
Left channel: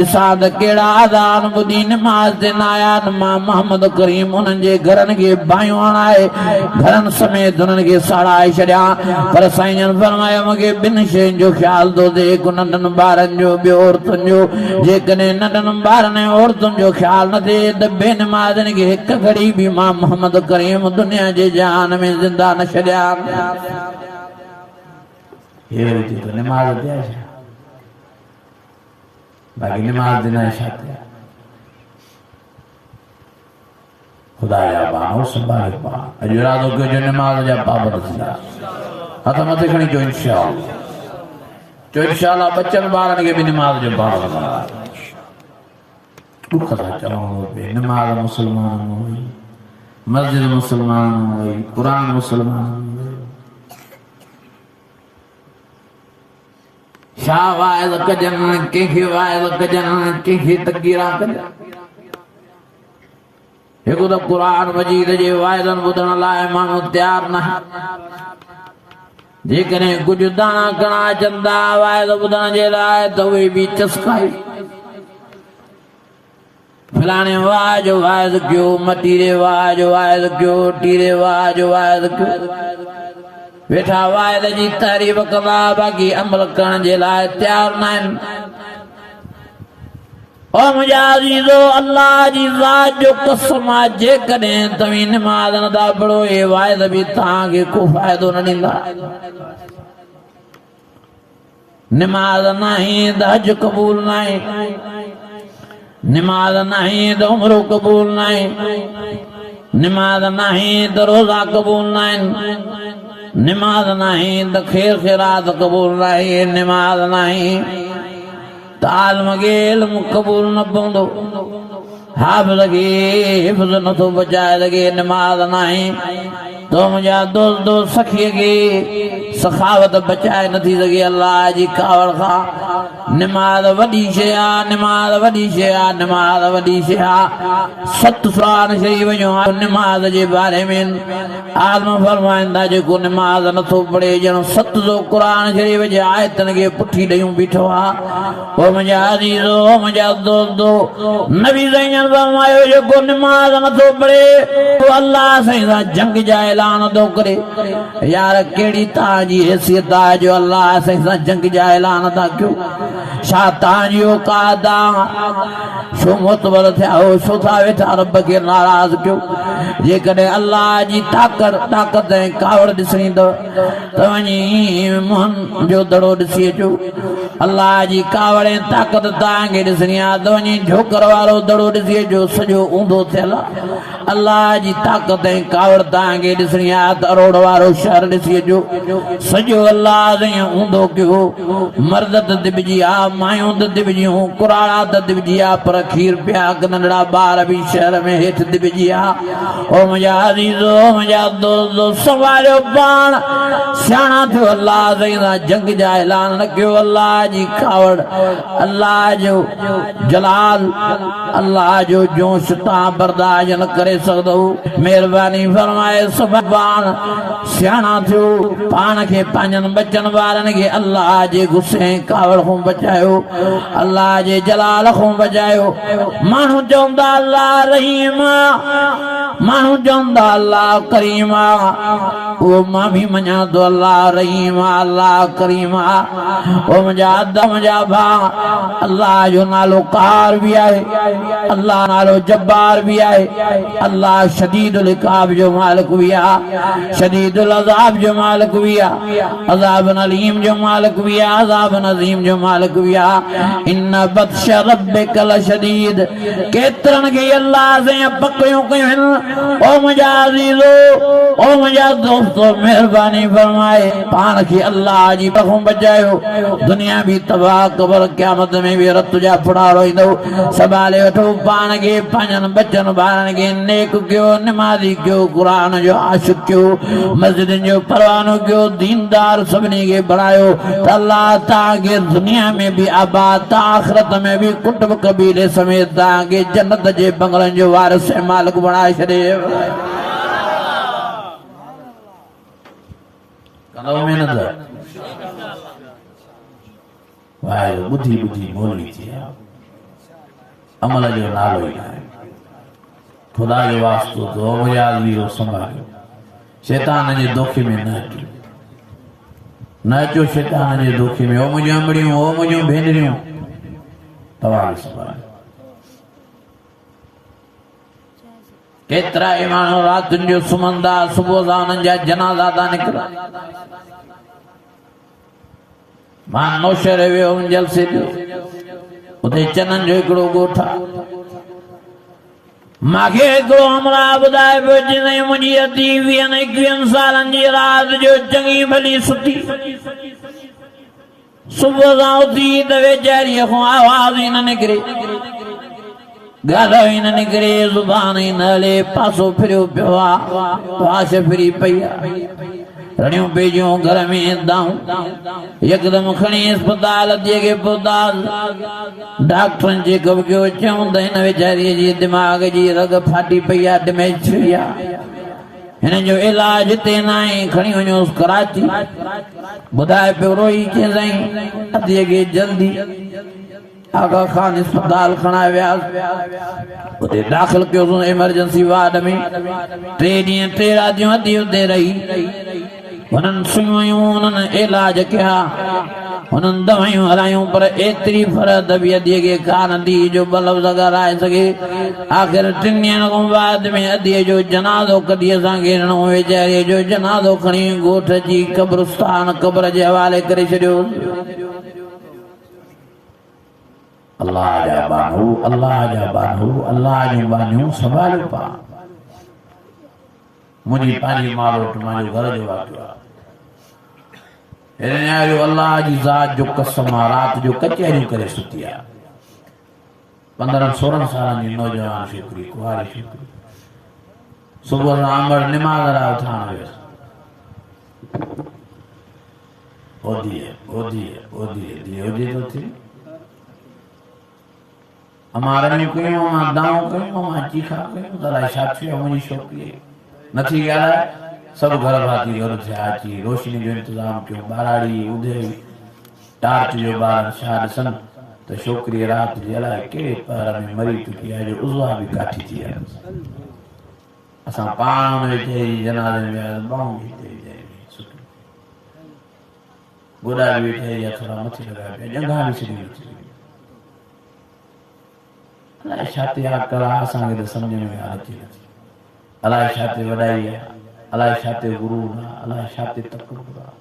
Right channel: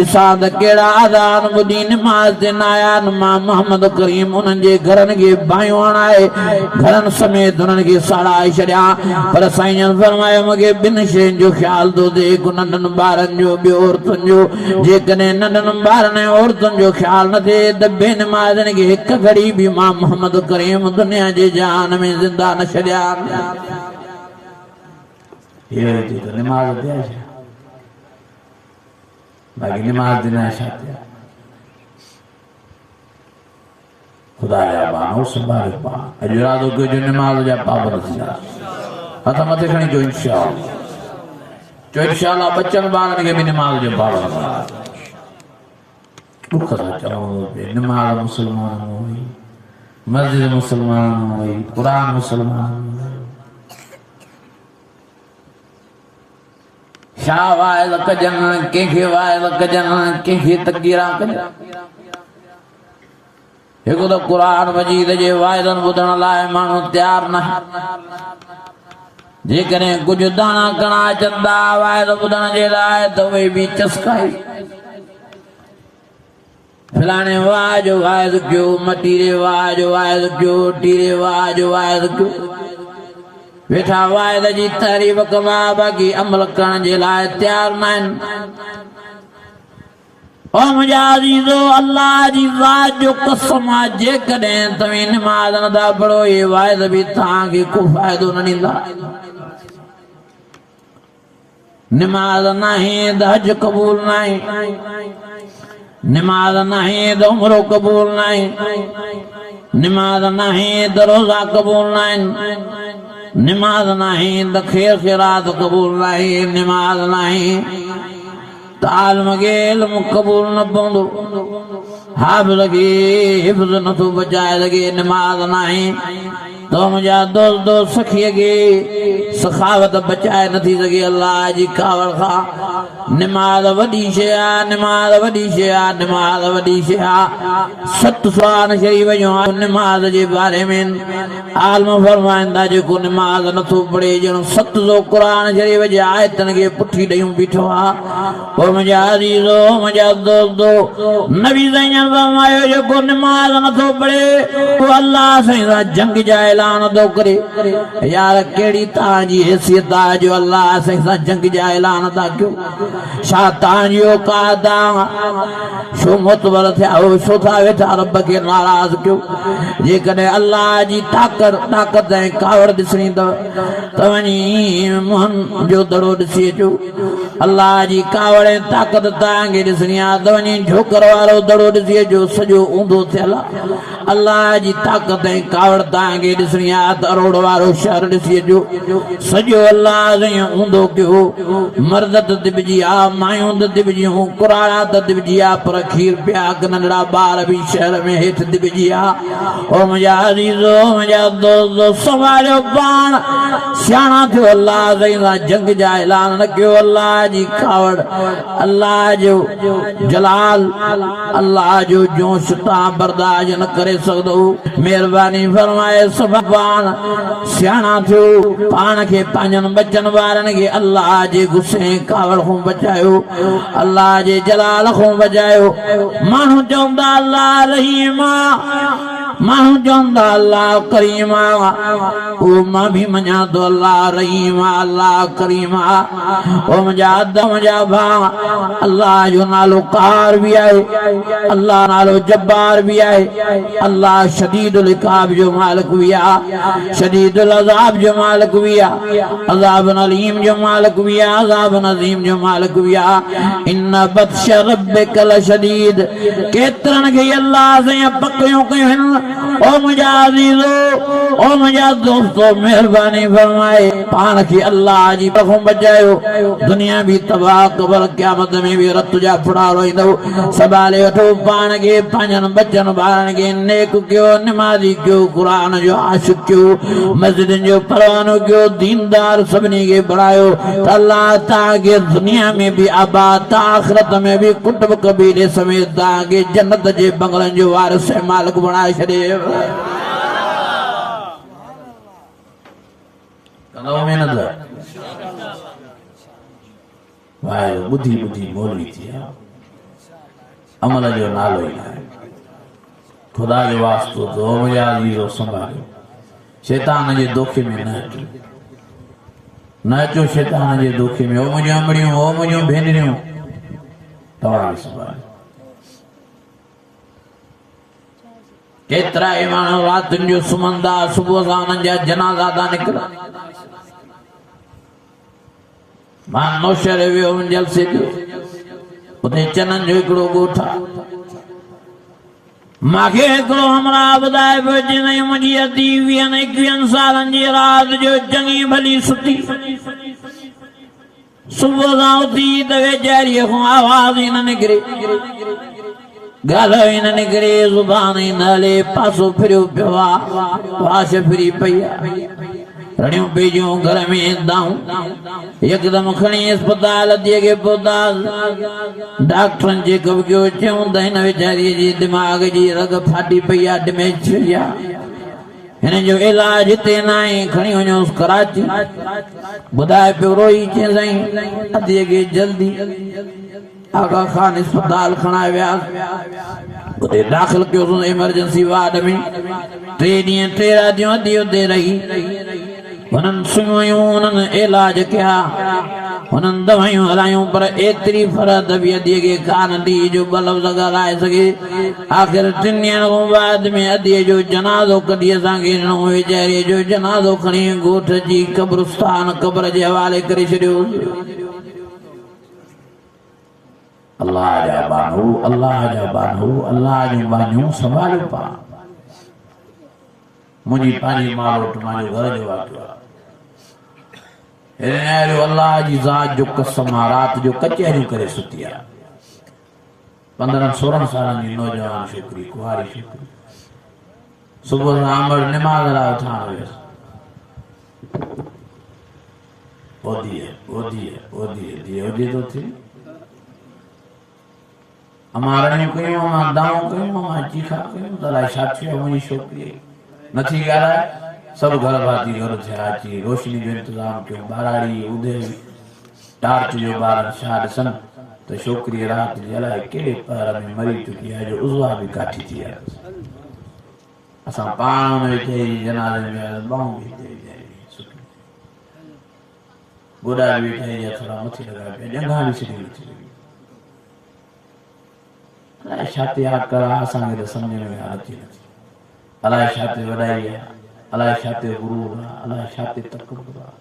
ॾिसां त कहिड़ा आज़ान ॿुधी निमाज़ ते न आया मां मोहम्मद करीम उन्हनि जे घरनि खे बाहियूं हणाए घरनि समेत उन्हनि खे साड़ाए छॾिया पर साईं फरमायो मूंखे ॿिनि शयुनि जो ख़्यालु थो थिए हिकु नंढनि ॿारनि जो ॿियो औरतुनि जो जेकॾहिं नंढनि ॿारनि ऐं औरतुनि जो ख़्यालु न थिए त बेनिमाज़नि खे हिकु घड़ी बि मां मोहम्मद करीम दुनिया जे जहान में ज़िंदा न छॾिया बाक़ी निमाज़ देना चाहते हैं खुदा जा बानो संभाले पा अजरादो को जो निमाज़ जा पाबंद थींदा हथ मथे खणी जो इंशाअल्लाह बच्चन ॿारनि खे बि निमाज़ जो पाबंद दुख था चओ निमाज़ मुसलमान हुई मस्जिद मुसलमान हुई क़ुरान मुसलमान छा वाइल कजनि कंहिंखे वाइल कजनि कंहिंखे तकीरा कजनि हिकु त क़ुरान मजीद जे वाइदनि ॿुधण लाइ माण्हू तयारु न जेकॾहिं कुझु दाणा घणा चंदा वाइद ॿुधण जे लाइ त उहे बि चस्काई फलाणे वाह जो वाइद कयो मतीरे वाह जो वाइद कयो टीरे वाह जो वाइद कयो वेठा वाइद जी तारीफ़ कंदा बाक़ी अमल करण जे लाइ तयारु न आहिनि ओ मुंहिंजा अज़ीज़ो अल्लाह जी ज़ात जो कसम आहे जेकॾहिं तव्हां निमाज़ नथा पढ़ो इहे वाइद बि तव्हांखे को फ़ाइदो न ॾींदा निमाज़ नाहे त हज क़बूल न आहे निमाज़ नाहे त उमरो क़बूल न आहे निमाज़ नाहे त रोज़ा क़बूल न आहिनि निमाज़ नाहे त ख़ैर ख़ैरात क़बूल न आहे निमाज़ नाहे तालम खे इल्म क़बूल न पवंदो हाफ़िज़ खे हिफ़्ज़ नथो बचाए सघे निमाज़ नाहे तो मुंहिंजा दोस्तो सखीअ खे सखावत बचाए नथी सघे अल्लाह जी कावड़ खां निमाज़ वॾी शइ आहे निमाज़ वॾी शइ आहे निमाज़ वॾी शइ आहे 7 सुरान शरीफ़ जो निमाज़ जे बारे में आलम फरमाईंदा जेको निमाज़ नथो पढ़े ॼण 700 क़ुरान शरीफ़ जे आयतनि खे पुठी ॾेयूं बीठो आहे ओ मुंहिंजा अज़ीज़ो मुंहिंजा दोस्तो नबी साईं फरमायो जेको निमाज़ नथो पढ़े तो अल्लाह साईं सां जंग जा ऐलान थो करे यार कहिड़ी तव्हांजी हैसियत आहे जो अल्लाह साईं सां जंग जा ऐलान था कयो छा तव्हांजी औकात आहे छो मोतबर थिया हो छो था वेठा रब खे नाराज़ कयो जेकॾहिं अल्लाह जी ताक़त ऐं कावड़ ॾिसणी अथव त वञी मुंहं जो दड़ो ॾिसी अचो अल्लाह जी कावड़ ऐं ताक़त तव्हांखे ॾिसणी आहे त वञी झोकर वारो दड़ो ॾिसी अचो सॼो ऊंधो थियल आहे अल्लाह जी ताक़त ऐं कावड़ तव्हांखे ॾिसणी आहे त अरोड़ वारो शहर ॾिसी अचो सॼो अल्लाह साईं ऊंधो कयो मर्द त दिबजी आहे मायूं त दिबजियूं कुराड़ा त दिबजी आहे पर खीर पिया नंढड़ा ॿार बि शहर में हेठि दिबजी आहे ओ मुंहिंजा अज़ीज़ो मुंहिंजा दोस्तो संभालियो पाण सियाणा थियो अल्लाह साईं सां जंग जा ऐलान न कयो अल्लाह जी कावड़ अल्लाह जो जलाल अल्लाह जो जोश तव्हां बर्दाश्त न करे सघंदो महिरबानी फरमाए सभु पाण सियाणा थियो पाण खे पंहिंजनि बचनि वारनि खे अल्लाह जे गुस्से कावड़ खां बचायो अल्लाह जे जलाल खां बचायो माण्हू चवंदा अल्लाह रहीम माण्हू चवंदा अल्लाह करीम उहो मां बि मञा थो अल्लाह रहीम अल्लाह करीम ओ मुंहिंजा मुंहिंजा भाउ अल्लाह जो नालो कार बि आहे अल्लाह नालो जब्बार बि आहे अल्लाह शदीदुल इक़ाब जो मालिक बि आहे शदीदुल अज़ाब जो मालिक बि आहे अज़ाब अलीम जो मालिक बि आहे अज़ाब अज़ीम जो मालिक बि आहे इन बत्श रब्बिक लशदीद केतिरनि खे अल्लाह साईं पकड़ियूं कयूं आहिनि ओ मुझा अजीजो ओ मुझा दोस्तों मेहरबानी फरमाए पान की अल्लाह जी कसम बचायो दुनिया भी तबाह कबर क़यामत में भी रत जा फुड़ाड़ो इंदो सबाले वठो पान के पंजन बचन बारन के नेक क्यों नमाजी क्यों कुरान जो आशिक क्यों मस्जिद जो परवानो क्यों दीनदार सबने के बनायो अल्लाह ताके दुनिया में भी आबाद आखिरत में भी कुटुब कबीले समेत ताके जन्नत जे बंगलन जो वारिस मालिक बनाए छड़े कंदो मेहनत भाई बुद्धि बुद्धि बोलनी थी अमल जो नालो ही खुदा जो वास्तु तो मुझा लीरो संभालियो शैतान जे धोखे में न अचो शैतान जे धोखे में ओ मुझियूं अमड़ियूं ओ मुझियूं भेनरियूं तव्हां संभालियो केतरा ई माण्हू रातिनि जो सुम्हंदा सुबुह सां उन्हनि जा जनाज़ा था निकिरनि मां नौशहर वियो हुउमि जलसे ते उते चननि जो हिकिड़ो ॻोठ आहे मूंखे हिकिड़ो हमरा ॿुधाए पियो चईं मुंहिंजी अधी 20-21 सालनि जी राति जो चङी भली सुठी सुबुह सां उथी त वेचारीअ खां आवाज़ ई न निकिरे गालो ही न निकरे जुबान ही न हले पासो फिरियो पियो आहे वाश फिरी पई आहे रड़ियूं पेजियूं घर में दाऊं यकदम खणी अस्पताल अधीअ खे पहुतासीं डॉक्टरनि चेकअप कयो चयूं त हिन वेचारीअ जी दिमाग़ जी रग फाटी पई आहे डैमेज थी वई आहे हिन जो इलाज हिते न आहे खणी वञोसि कराची ॿुधाए पियो रोई चई साईं अधीअ खे जल्दी आगा खान अस्पताल खणा वियासीं उते दाख़िल कयोसीं इमरजेंसी वार्ड में 3 ॾींहं 3 रातियूं अधी उते रही हुननि सुइयूं हुननि इलाज कया हुननि दवायूं हलायूं पर एतिरी फरक बि अधीअ खे कान थी जो ॿ लफ़्ज़ ॻाल्हाए सघे आख़िर 3 ॾींहंनि खां बाद में अधीअ जो जनाज़ो कढी असांखे ॾिनो वेचारीअ जो जनाज़ो खणी ॻोठ जी क़ब्रिस्तान क़ब्र जे हवाले करे छॾियो अल्लाह जा बानू अल्लाह जो बानियूं संभालियो पा मुंहिंजी पंहिंजी मां वटि मुंहिंजो घर जो वाक़ियो आहे अल्लाह जी ज़ात जो कसम आहे राति जो कचहरियूं करे सुती आहे 15-16 सालनि जी नौजवान छोकिरी कुंवारी छोकिरी सुबुह सां अमर निमाज़ लाइ उथण वियसि ओधी थो थिए हमारा नहीं कोई मां दाऊं कोई मां चीखा कोई दलाई साथी मुझी छोकरी नथी ॻाल्हाए सब घर भाती घर थे अची रोशनी जो इंतजाम कयो बाराड़ी उदे टार्च जो बार छा ॾिसन त छोकरी रात जी अलाए कहिड़े पैर में मरी चुकी आहे जो उज़वा भी काठी थी आहे असां पाण वेठे जनाज़े में बाऊं भी गोॾा वेठे या थोड़ा मथे लॻाए पिया जॻह बि छॾी नथी अलाए छा ते यादि करा असांखे त सम्झ में अचे नथी अलाए छा ते वॾाई आहे अलाए छा ते गुरूर आहे अलाए छा ते तकबुर आहे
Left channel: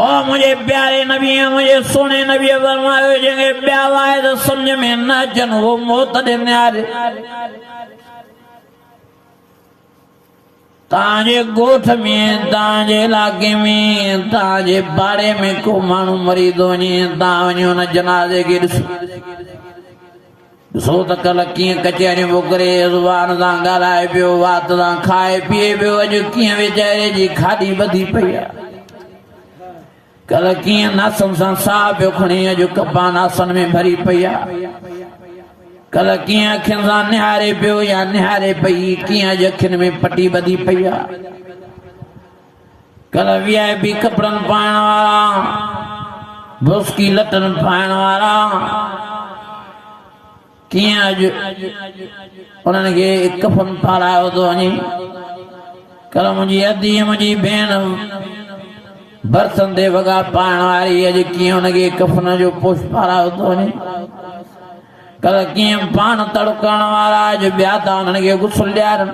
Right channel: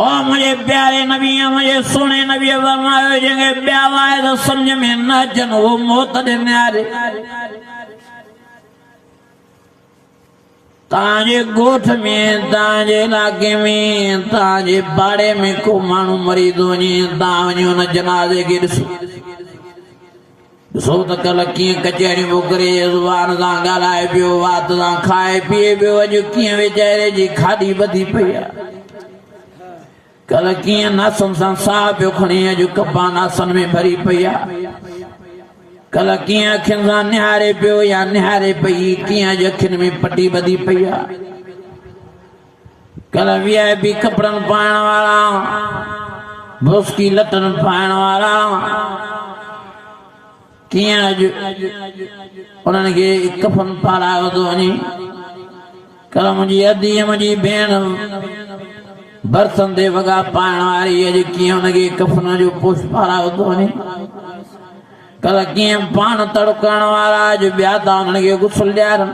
ओ मुझे प्यारे नबी मुझे सोने नबी फरमायो जंहिंखे ॿिया वाए त सम्झ में न अचनि उहो मौत ॾे निहारे ताजे गोठ में ताजे इलाके में ताजे बाड़े में को माण्हू मरी थो वञे तव्हां वञो हुन जनाज़े खे ॾिसो ॾिसो त कल्ह कीअं कचहरियूं मोकिले ज़ुबान सां ॻाल्हाए पियो वात सां खाए पीए पियो अॼु कीअं वेचारे जी खाधी वधी पई आहे कल्ह कीअं नासनि सां साह पियो खणे अॼु कपा नासनि में भरी पई आहे कल्ह कीअं अखियुनि सां निहारे पियो या निहारे पई कीअं अॼु अखियुनि में पटी ॿधी पई आहे कल्ह VIP कपिड़नि पाइण वारा ब्रोस्की लटनि पाइण वारा कीअं अॼु उन्हनि खे कफन पारायो थो वञे कल्ह मुंहिंजी अधीअ मुंहिंजी भेण बरतन ते वॻा पाइण वारी अॼु कीअं हुनखे कफन जो पोश पारायो थो वञे कल्ह कीअं पान तड़कण वारा अॼु ॿिया था उन्हनि खे गुसल ॾियारनि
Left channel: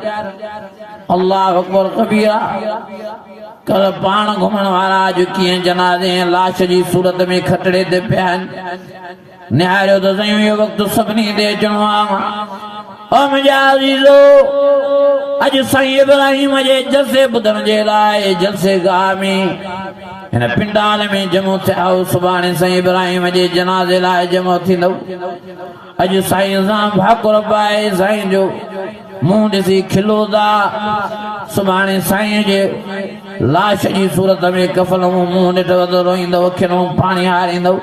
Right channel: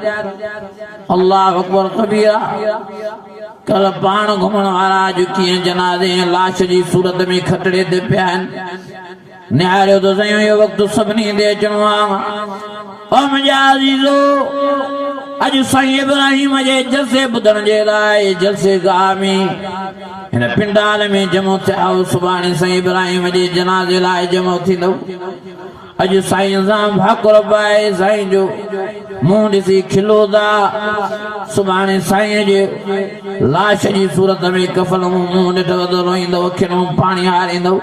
अल्लाह अकबर कबीरा कल्ह पान घुमण वारा अॼु कीअं जनाज़े लाश जी सूरत में खटड़े ते पिया आहिनि निहारियो तो सही यो वक्त सभिनी दे अचणो आहे ओ मुंहिंजा अज़ीज़ो अॼु साईं इब्राहिम जे जलसे ॿुधण जे लाइ जलसे गाह में हिन पिंडाल में जमो थिया सुभाणे साईं इब्राहिम जे जनाज़े लाइ जमो थींदो अॼु साईं सां भाकुर पाए साईं जो मुंहुं ॾिसी खिलो था सुभाणे साईं जे लाश जी सूरत में कफन मुंहुं ॾिठो त रोईंदो खिनो पाणी हारींदो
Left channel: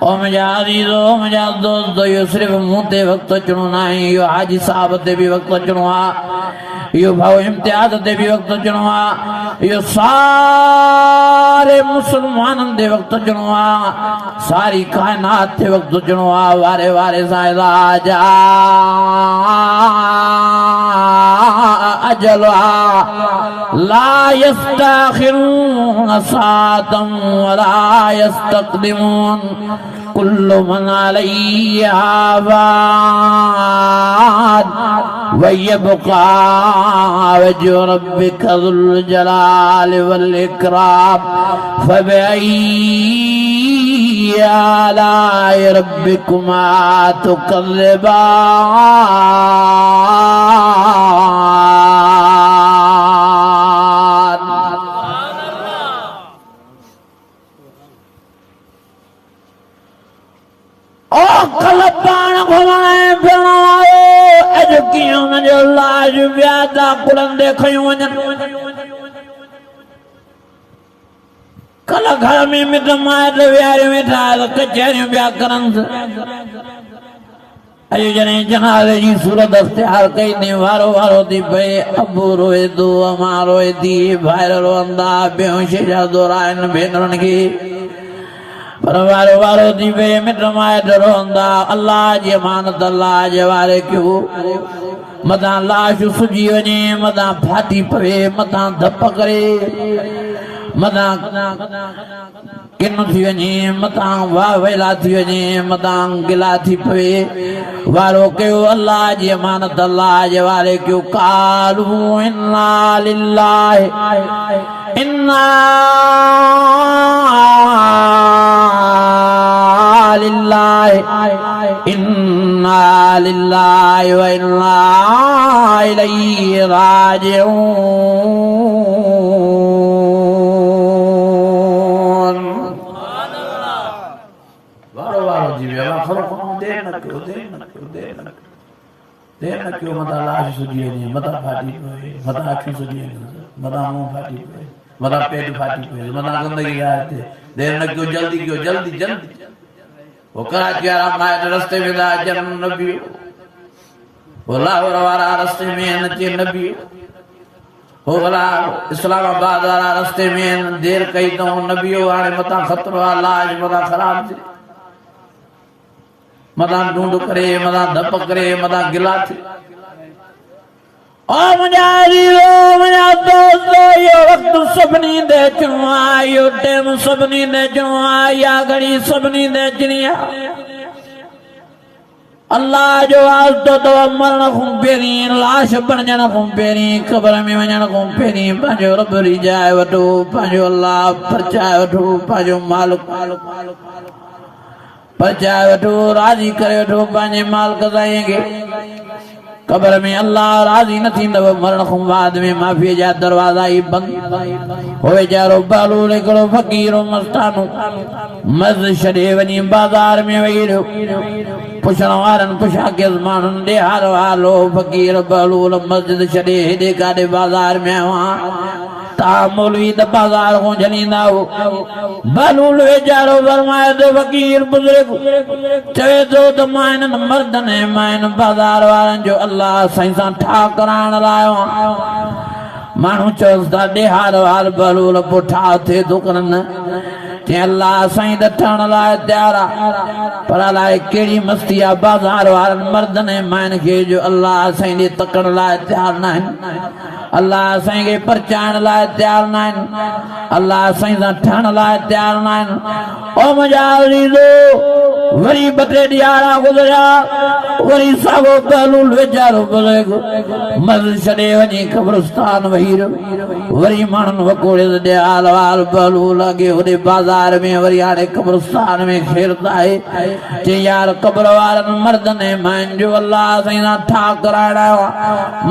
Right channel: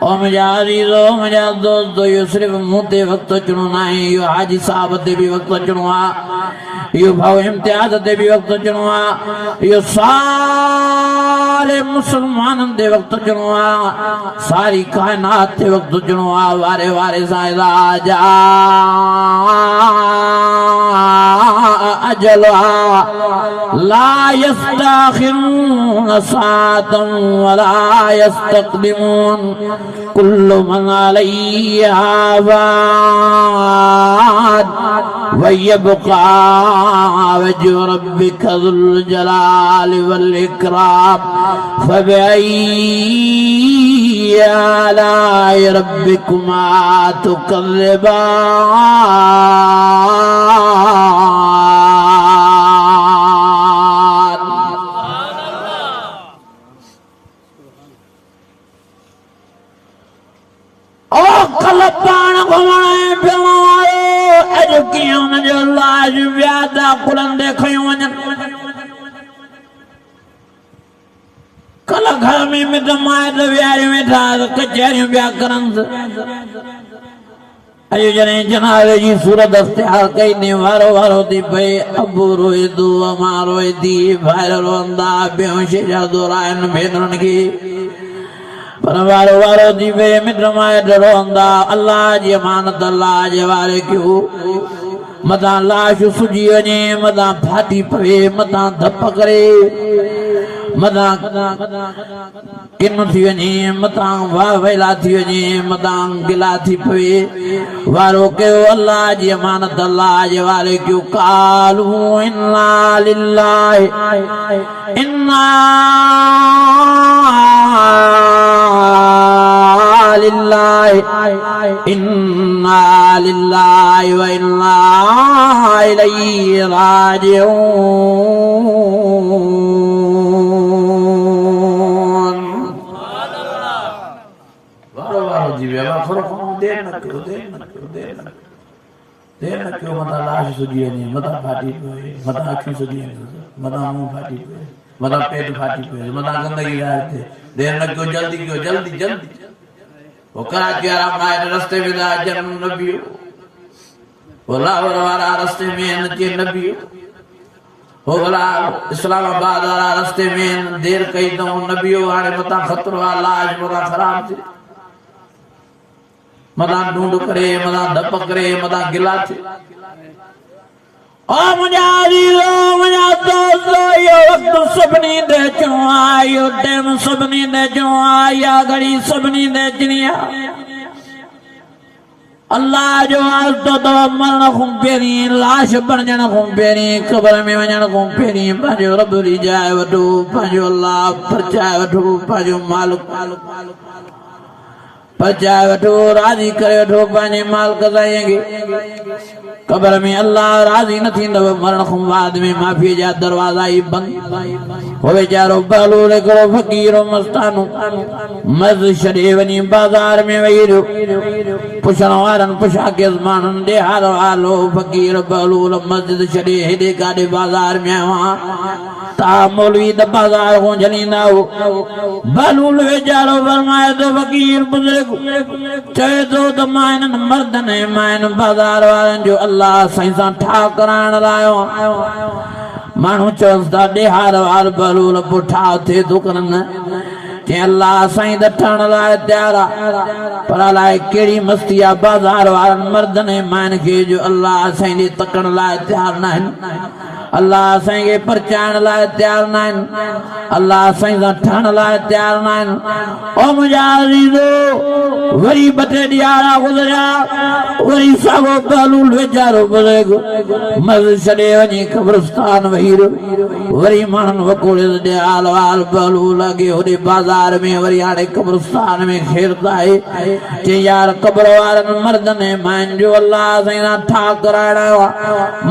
ओ मुंहिंजा अज़ीज़ो मुंहिंजा दोस्त इहो सिर्फ़ु मूं ते वक़्तु अचणो न आहे इहो हाजी साहब ते बि वक़्तु अचणो आहे इहो भाउ इम्तियाज़ ते बि वक़्तु अचणो आहे इहो सारे मुस्लमाननि ते वक़्तु अचणो आहे सारी काइनात ते वक़्तु अचणो आहे वारे वारे साईं राजा अजल ला यस्ताखिरून सातम वला यस्तक़दिमून कुल्लु मन अलैहा फान वयबका वजहु रब्बिका ज़ुल जलालि वल इकराम फबिअय्यि आलाइ रब्बिकुमा तुकज़्ज़िबान। ओ कल पाण घुमण फिरण अॼु कीअं हुनजो लाज व्यादा कुड़ंदे खयूं वञनि कल घर में मिट माइट विहारी वेठा कचहरियूं पिया करनि अॼु जॾहिं जनाज़े जी सूरत इख्तियार कई ने वारो वारो थी पए अबू रोए थो अमा रोए थी भाइर रोअंदा बेहोश जा दौरा आहिनि भेनरुनि खे पर वारो वारो थी पए मिट माइट रोअंदा अल्लाह जी अमानत अल्लाह जे वारे कयो मथां लाश सुजी वञे मथां फाटी पवे मथां धप करे मथां किन थी वञे मथां वाह वेला थी वञे मथां गिला थी पवे वारो कयो अल्लाह जी अमानत अल्लाह जे वारे कयो कालू इन्ना लिल्लाहि इन्ना लिल्लाहि इन्ना लिल्लाहि व इन्ना इलैहि राजिऊन। वारो वारो जी वेवा थोरो घणो देर न कयो मथां लाश सुजी वञे मथां फाटी पए मथां अखियूं सुजी वञे मथां मुंहुं फाटी पए मथां पेट फाटी पए मथां गंदगी गाए थिए देर न कयो जल्दी कयो जल्दी जल्दी वो कराची वारा माइट रस्ते में था अचनि न बीहो वो लाहौर वारा रस्ते में आहिनि अचे न बीहो हो भला इस्लामाबाद वारा रस्ते में आहिनि देर कई अथऊं न बीहो हाणे मथां ख़तरो आहे लाश मथां ख़राब थिए मथां ढूंढ करे मथां धप करे मथां गिला थिए ओ मुंहिंजा अज़ीज़ो मुंहिंजा दोस्त इहो वक़्तु सभिनी ते अचणो आहे इहो टाइम सभिनी ते अचणो आहे इहा घड़ी सभिनी ते अचणी आहे अल्लाह जो वास्तो तो मरण खां पहिरीं लाश बणजण खां पहिरीं क़बर में वञण खां पहिरीं पंहिंजो रब रिजाए वठो पंहिंजो अल्लाह परचाए वठो पंहिंजो मालिक परचाए वठो राज़ी करे वठो पंहिंजे मालिक साईं खे क़बर में अल्लाह राज़ी न थींदव मरण खां बाद में माफ़ीअ जा दरवाज़ा ई बंदि हो वीचारो बालूल हिकिड़ो फ़क़ीरो मस्तानो मर्ज़ छॾे वञी बाज़ार में वेही रहियो पुछण वारनि पुछा कयसि माण्हुनि ॾे हारो हालो फ़क़ीर बालूल मस्जिद छॾे हेॾे काॾे बाज़ार में आयो आहियां ता मौलवी त बाज़ार खां झलींदा हो बालूल वीचारो फरमाए थो फ़क़ीर बुज़ुर्ग चवे थो त मां हिननि मर्दनि ऐं मां हिन बाज़ार वारनि जो अल्लाह साईं सां ठाह कराइण लाइ आयो आहियां माण्हू चवंसि था ॾे हारो हाल बालूल पोइ ठाह थिए थो करनि चई अल्लाह साईं त ठहण लाइ तयार आहे पर अलाए कहिड़ी मस्ती आहे बाज़ार वारनि मर्दनि ऐं माइनि खे जो अल्लाह साईं ॾे तकण लाइ तयार न आहिनि अल्लाह साईं खे परचाइण लाइ तयार न आहिनि अल्लाह साईं सां ठहण लाइ तयार न आहिनि ओ मुंहिंजा अज़ीज़ो वरी ॿ टे ॾियारा गुज़रिया वरी साॻियो बालूल वीचारो बुज़ुर्ग मर्ज़ छॾे वञी क़ब्रिस्तान वेही रहियो वरी माण्हुनि वकोड़ियसि ॾे हाल वाल बालूल अॻे होॾे बाज़ार बाज़ार में वरी हाणे कब्रिस्तान में खेरता है जे यार कब्र वारनि मर्दनि माइन जो अल्लाह साईं ठा कराइणा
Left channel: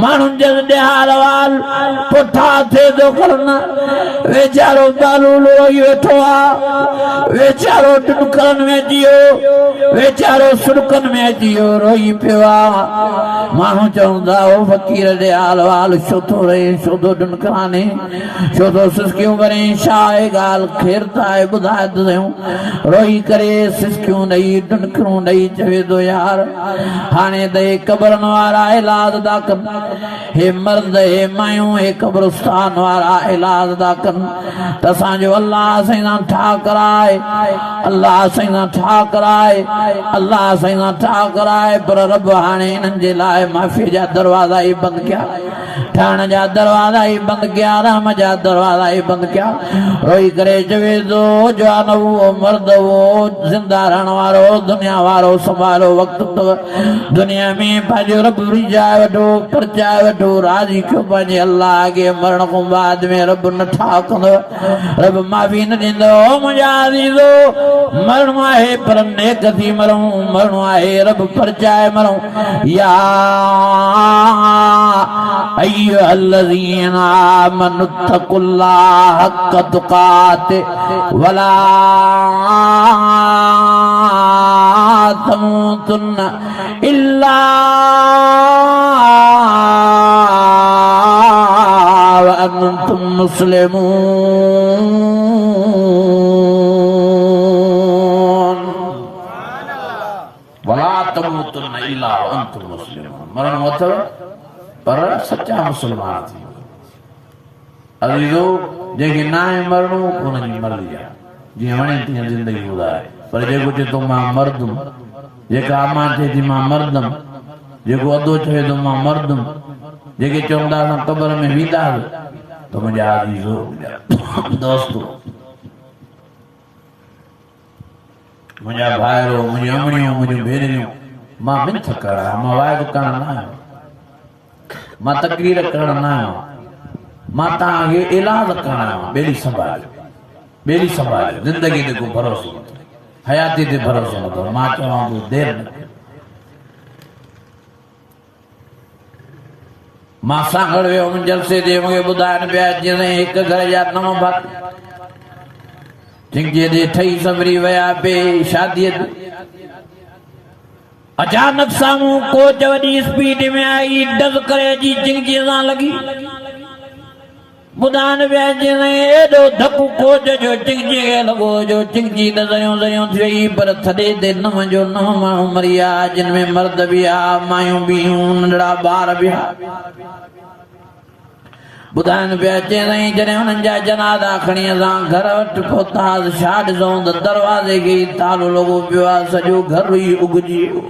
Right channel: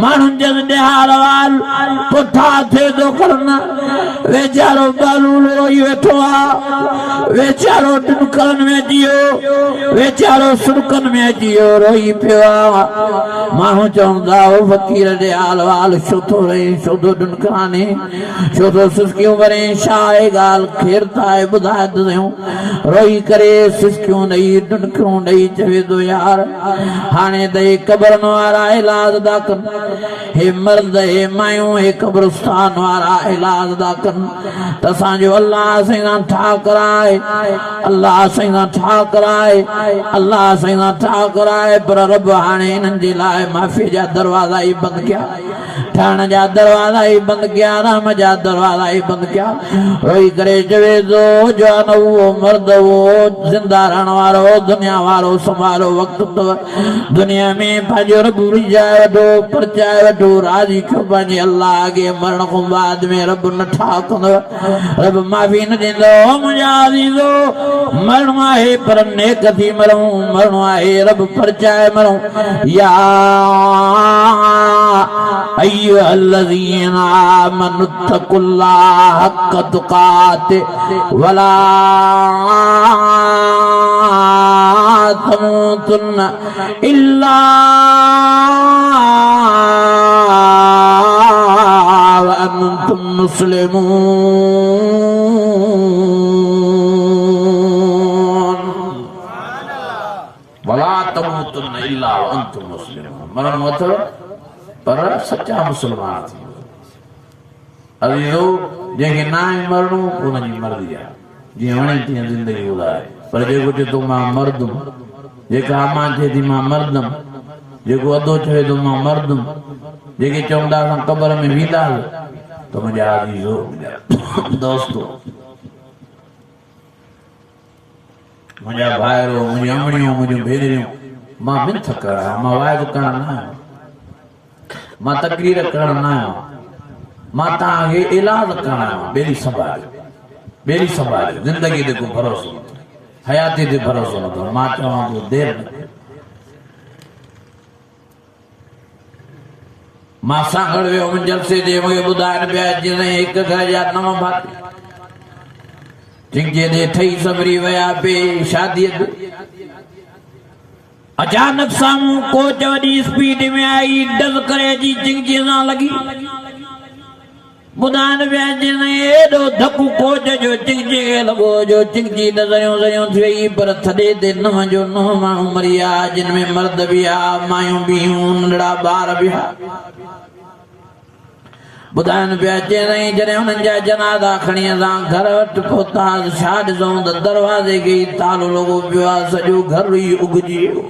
माण्हुनि जे हाल वाल पुठा थे तो करना वेचारो बालूलो वेठो आहे वेचारो टुकड़न में जियो वेचारो सुरकन में जियो रोई पियो आहे माण्हू चवंदा हो फ़कीर जे हाल वाल छो थो रहे छो थो डुनकाने छो थो सिसकियूं करे छा आहे ॻाल्हि खेरता आहे ॿुधाए त सयूं रोई करे सिसकियूं ॾेई डुनकरूं ॾेई चवे थो यार हाणे त हे क़बरनि वारा इलाज था कनि हे मर्द हे मायूं हे क़ब्रिस्तान वारा इलाज था कनि त असांजो अल्लाह साईं ठा कराए अल्लाह साईं ठा कराए अल्लाह साईं ठा कराए पर रब हाणे हिननि जे लाइ माफ़ी जा दरवाज़ा ई बंदि कया ठहण जा दरवाज़ा ई बंदि कया राम जा दरवाज़ा ई बंदि कया रोई करे चवे थो जवान उहो मर्द उहो ज़िंदा रहण वारो दुनिया वारो संभालो वक़्तु अथव दुनिया में पंहिंजो रब रिझाए वठो परचाए वठो राज़ी कयो पंहिंजे अल्लाह अॻे मरण खां बाद में रब न ठा कंदव रब माफ़ी न ॾींदो मुंहिंजा अज़ीज़ो मरणो आहे पर नेक थी मरूं मरणो आहे रब परचाए मरूं या अय्युहल्लज़ीना आमनु तक़ुल्लाह हक़्क़ तुक़ातिह वला तमूतुन्ना इल्ला व अंतुम मुस्लिमून वला तमूतुन्ना इल्ला व अंतुम मुस्लिमून मरण अथव पर सच्चा मुसलमान थी अज़ीज़ो जंहिंखे न आहे मरणो उन्हनि जी मर्ज़ी आहे जीअं वणे तीअं ज़िंदगी गुज़ारे पर जेको चए थो मां मरदुमि जेका अमा थिए थी मां मरदुमि जेको अधो चवे थो मां मरदुमि जेके चवंदा असां क़बर में वेंदासीं त मुंहिंजा अज़ीज़ो दोस्तो मुंहिंजा भाइरो मुंहिंजी अमड़ियूं मुंहिंजियूं भेनरियूं मां मिंथ करणु मां वाइदो करणु न आहियां मां तकरीर करण न आहियां मां तव्हांखे इलाज करण आहियां ॿेड़ी संभाले ज़िंदगी ते को भरोसो न हयाती ते भरोसो न अथव मां चवां थो देरि न मां सां गॾु वियुमि जलसे ते मूंखे ॿुधाइनि पिया जीअं हिकु घर जा 9 भाती जिंहिंजे ते ठही सबरी विया पे शादीअ ते अचानक साम्हूं कोच वॾी स्पीड में आई डज़ करे जी चिंगी सां लॻी ॿुधाइनि पिया जीअं एॾो धकु कोच जो चिंगी खे लॻो जो चिंगी त ज़रियूं थी वई पर थॾे ते 9 जो 9 माण्हू मरी विया जिन में मर्द बि हुआ मायूं बि हुयूं नंढड़ा ॿार बि हुआ ॿुधाइनि पिया चई जॾहिं हुननि जा जनाज़ा खणी असां घर वटि पहुतासीं छा ॾिसूं त दरवाज़े खे ई तालो लॻो पियो आहे सॼो घर ई उगजी वियो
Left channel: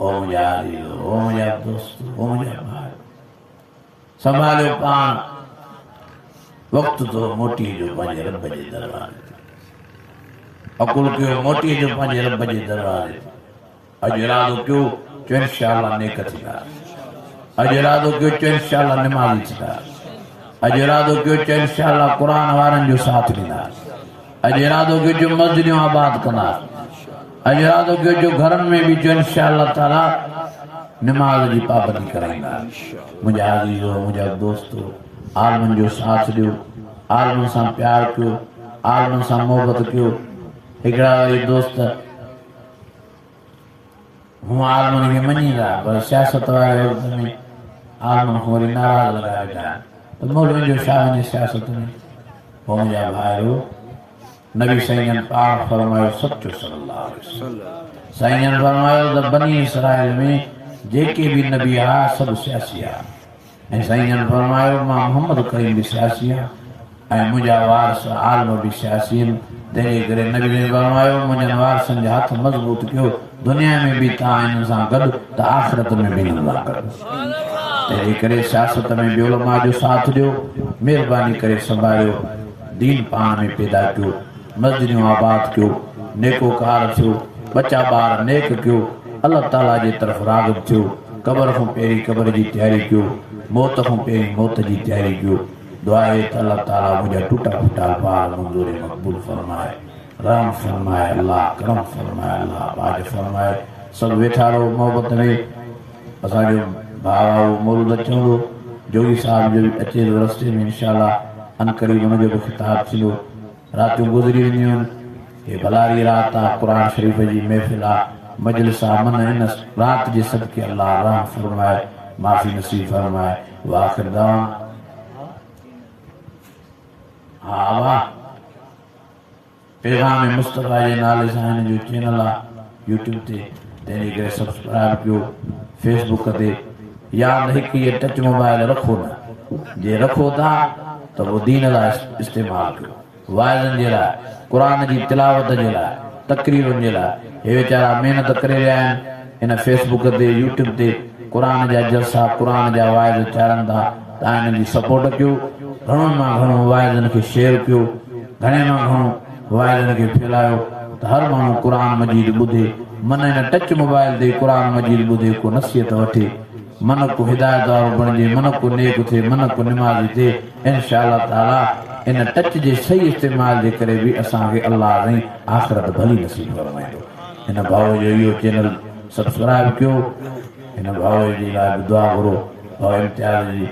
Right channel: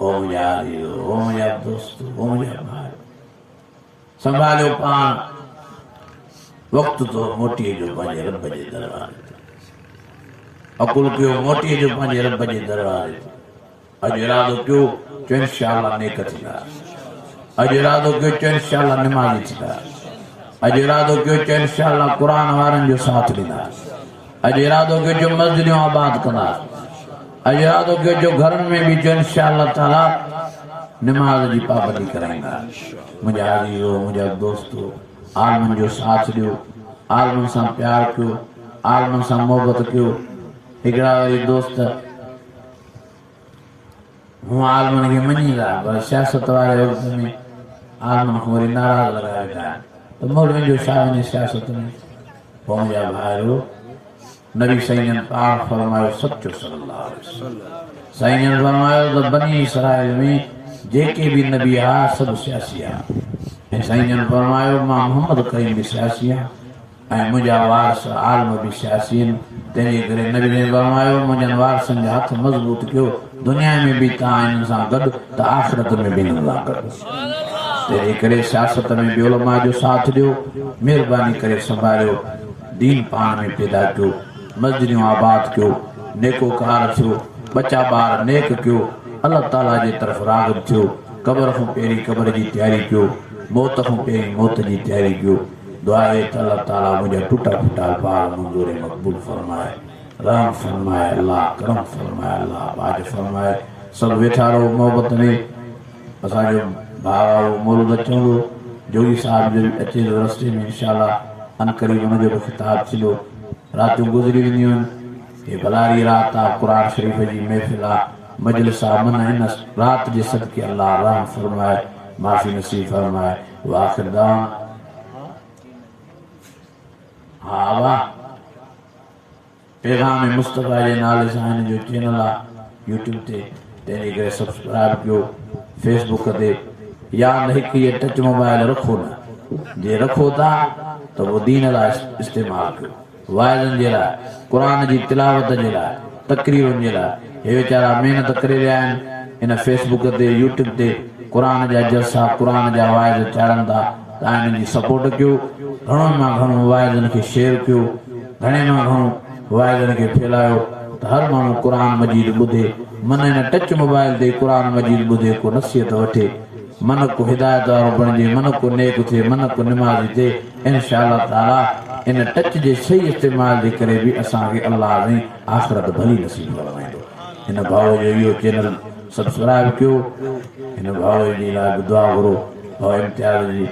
ओ मुंहिंजा ओ मुंहिंजा दोस्त ओ मुंहिंजा भाउ संभालियो पाण वक़्तु तो मोटी जो पंहिंजे रब जे दरबार अकुल कयो मोटी जो पंहिंजे रब जे दरबार अॼु इरादो कयो चओ इंशाअल्लाह नेक थींदा अॼु इरादो कयो चओ इंशाअल्लाह निमाज़ी थींदा अॼु इरादो कयो चओ इंशाअल्लाह क़ुर वारनि जो साथ ॾींदा अॼु इरादो कयो जो मस्जिदूं आबाद कंदा अॼु इरादो कयो जो घरनि में बि चओ इंशाअल्लाह ताला निमाज़ जी पाबंदी कराईंदा मुंहिंजा अज़ीज़ो मुंहिंजा दोस्तो आलमनि जो साथ ॾियो आलमनि सां प्यारु कयो आलमनि सां मोहबत कयो हिकिड़ा दोस्त हूअं आलमनि खे मञींदा पर सियासत वारे वक़्त में आलमनि खां वरी नाराज़ लॻाए वेंदा आहिनि त मौलवियुनि जो छा वञे सियासत में पोइ मुंहिंजा भाइरो नबी साईं पाक फरमायो सचो सल्लल्लाहु अलैहि वसल्लम साईं फरमायो त बनी इसराइल में जेके भी नबी आ सब सियासी आ ऐं साईं फरमायो मां मोहम्मद करीम भी सियासी आ ऐं मुंहिंजा वारस आलम भी सियासी आहिनि तंहिंजे करे नबी ने फरमायो मुंहिंजनि वारसनि जा हथ मज़बूत कयो दुनिया में भी तव्हां हिननि सां गॾु त आख़िरत में बि हिननि सां गॾु तंहिंजे करे सियासत में बि उलमा जो साथ ॾियो महिरबानी करे संभालियो दीन पाण में पैदा कयो मस्जिदूं आबाद कयो नेकोकार थियो बच्चा ॿार नेक कयो अल्लाह ताला जी तरफ़ राग़िब थियो क़बर खां पहिरीं क़बर जी तयारी कयो मौत खां पहिरीं मौत जी तयारी कयो दुआ है कि अल्लाह ताला मुझे टूटा फूटा अल्फाज मंजूर मकबूल फरमाए, रहम फरमाए अल्लाह, करम फरमाए अल्लाह, बाज फरमाए। सब वेठा रहो मोहब्बत में। असांजो भाउ मुर्द अचूं जोगी साहब जो अचे रस्ते में इंशाअल्लाह अनकरीब हुनजो बि ख़िताब थींदो। रातियूं गुज़री वेंदियूं आहिनि, ये भलारी रात आहे, क़ुर शरीफ़ जी महफ़िल आहे, मजलिस आहे। मन इन रात जे सदके अल्लाह रहम फरमाए, माफ़ी नसीब फरमाए। वाखिर दावा हा वाह पैगाम मुस्तफ़ा जे नाले सां हिन जो चैनल आहे यूट्यूब ते, तंहिंजे करे सब्सक्राइब कयो। फेसबुक ते या हिकु इहे टच मोबाइल रखो न, जे रखो था त पोइ दीन लाइ इस्तेमालु कयो, वाइदनि जे लाइ, क़ुर जी तिलावत जे लाइ, तकरीरनि जे लाइ। हे वीचारा महिनत करे रहिया आहिनि इन फेसबुक ते यूट्यूब ते, क़ुर जा जलसा, क़ुर जा वाइद चाढ़नि था। तव्हां हिननि जी सपोर्ट कयो, घणो मां घणो वाइदनि खे शेयर कयो, घणे मां घणो वाइदनि खे फैलायो त हर माण्हू क़ुर मजीद ॿुधे, मन हिन टच मोबाइल ते क़ुर मजीद ॿुधे, को नसीहत वठे, मन को हिदायत वारो बणिजे, मन को नेक थिए, मन को निमाज़ी थिए। इंशाअल्लाह ताला इन टच जे सही इस्तेमाल जे करे बि असांखे अल्लाह जी आख़िरत भली नसीब फरमाईंदो। हिन भाउ जो इहो चैनल सब्सक्राइब कयो, हिन भाउ जे लाइ दुआ करो, भाउ इम्तियाज़ जी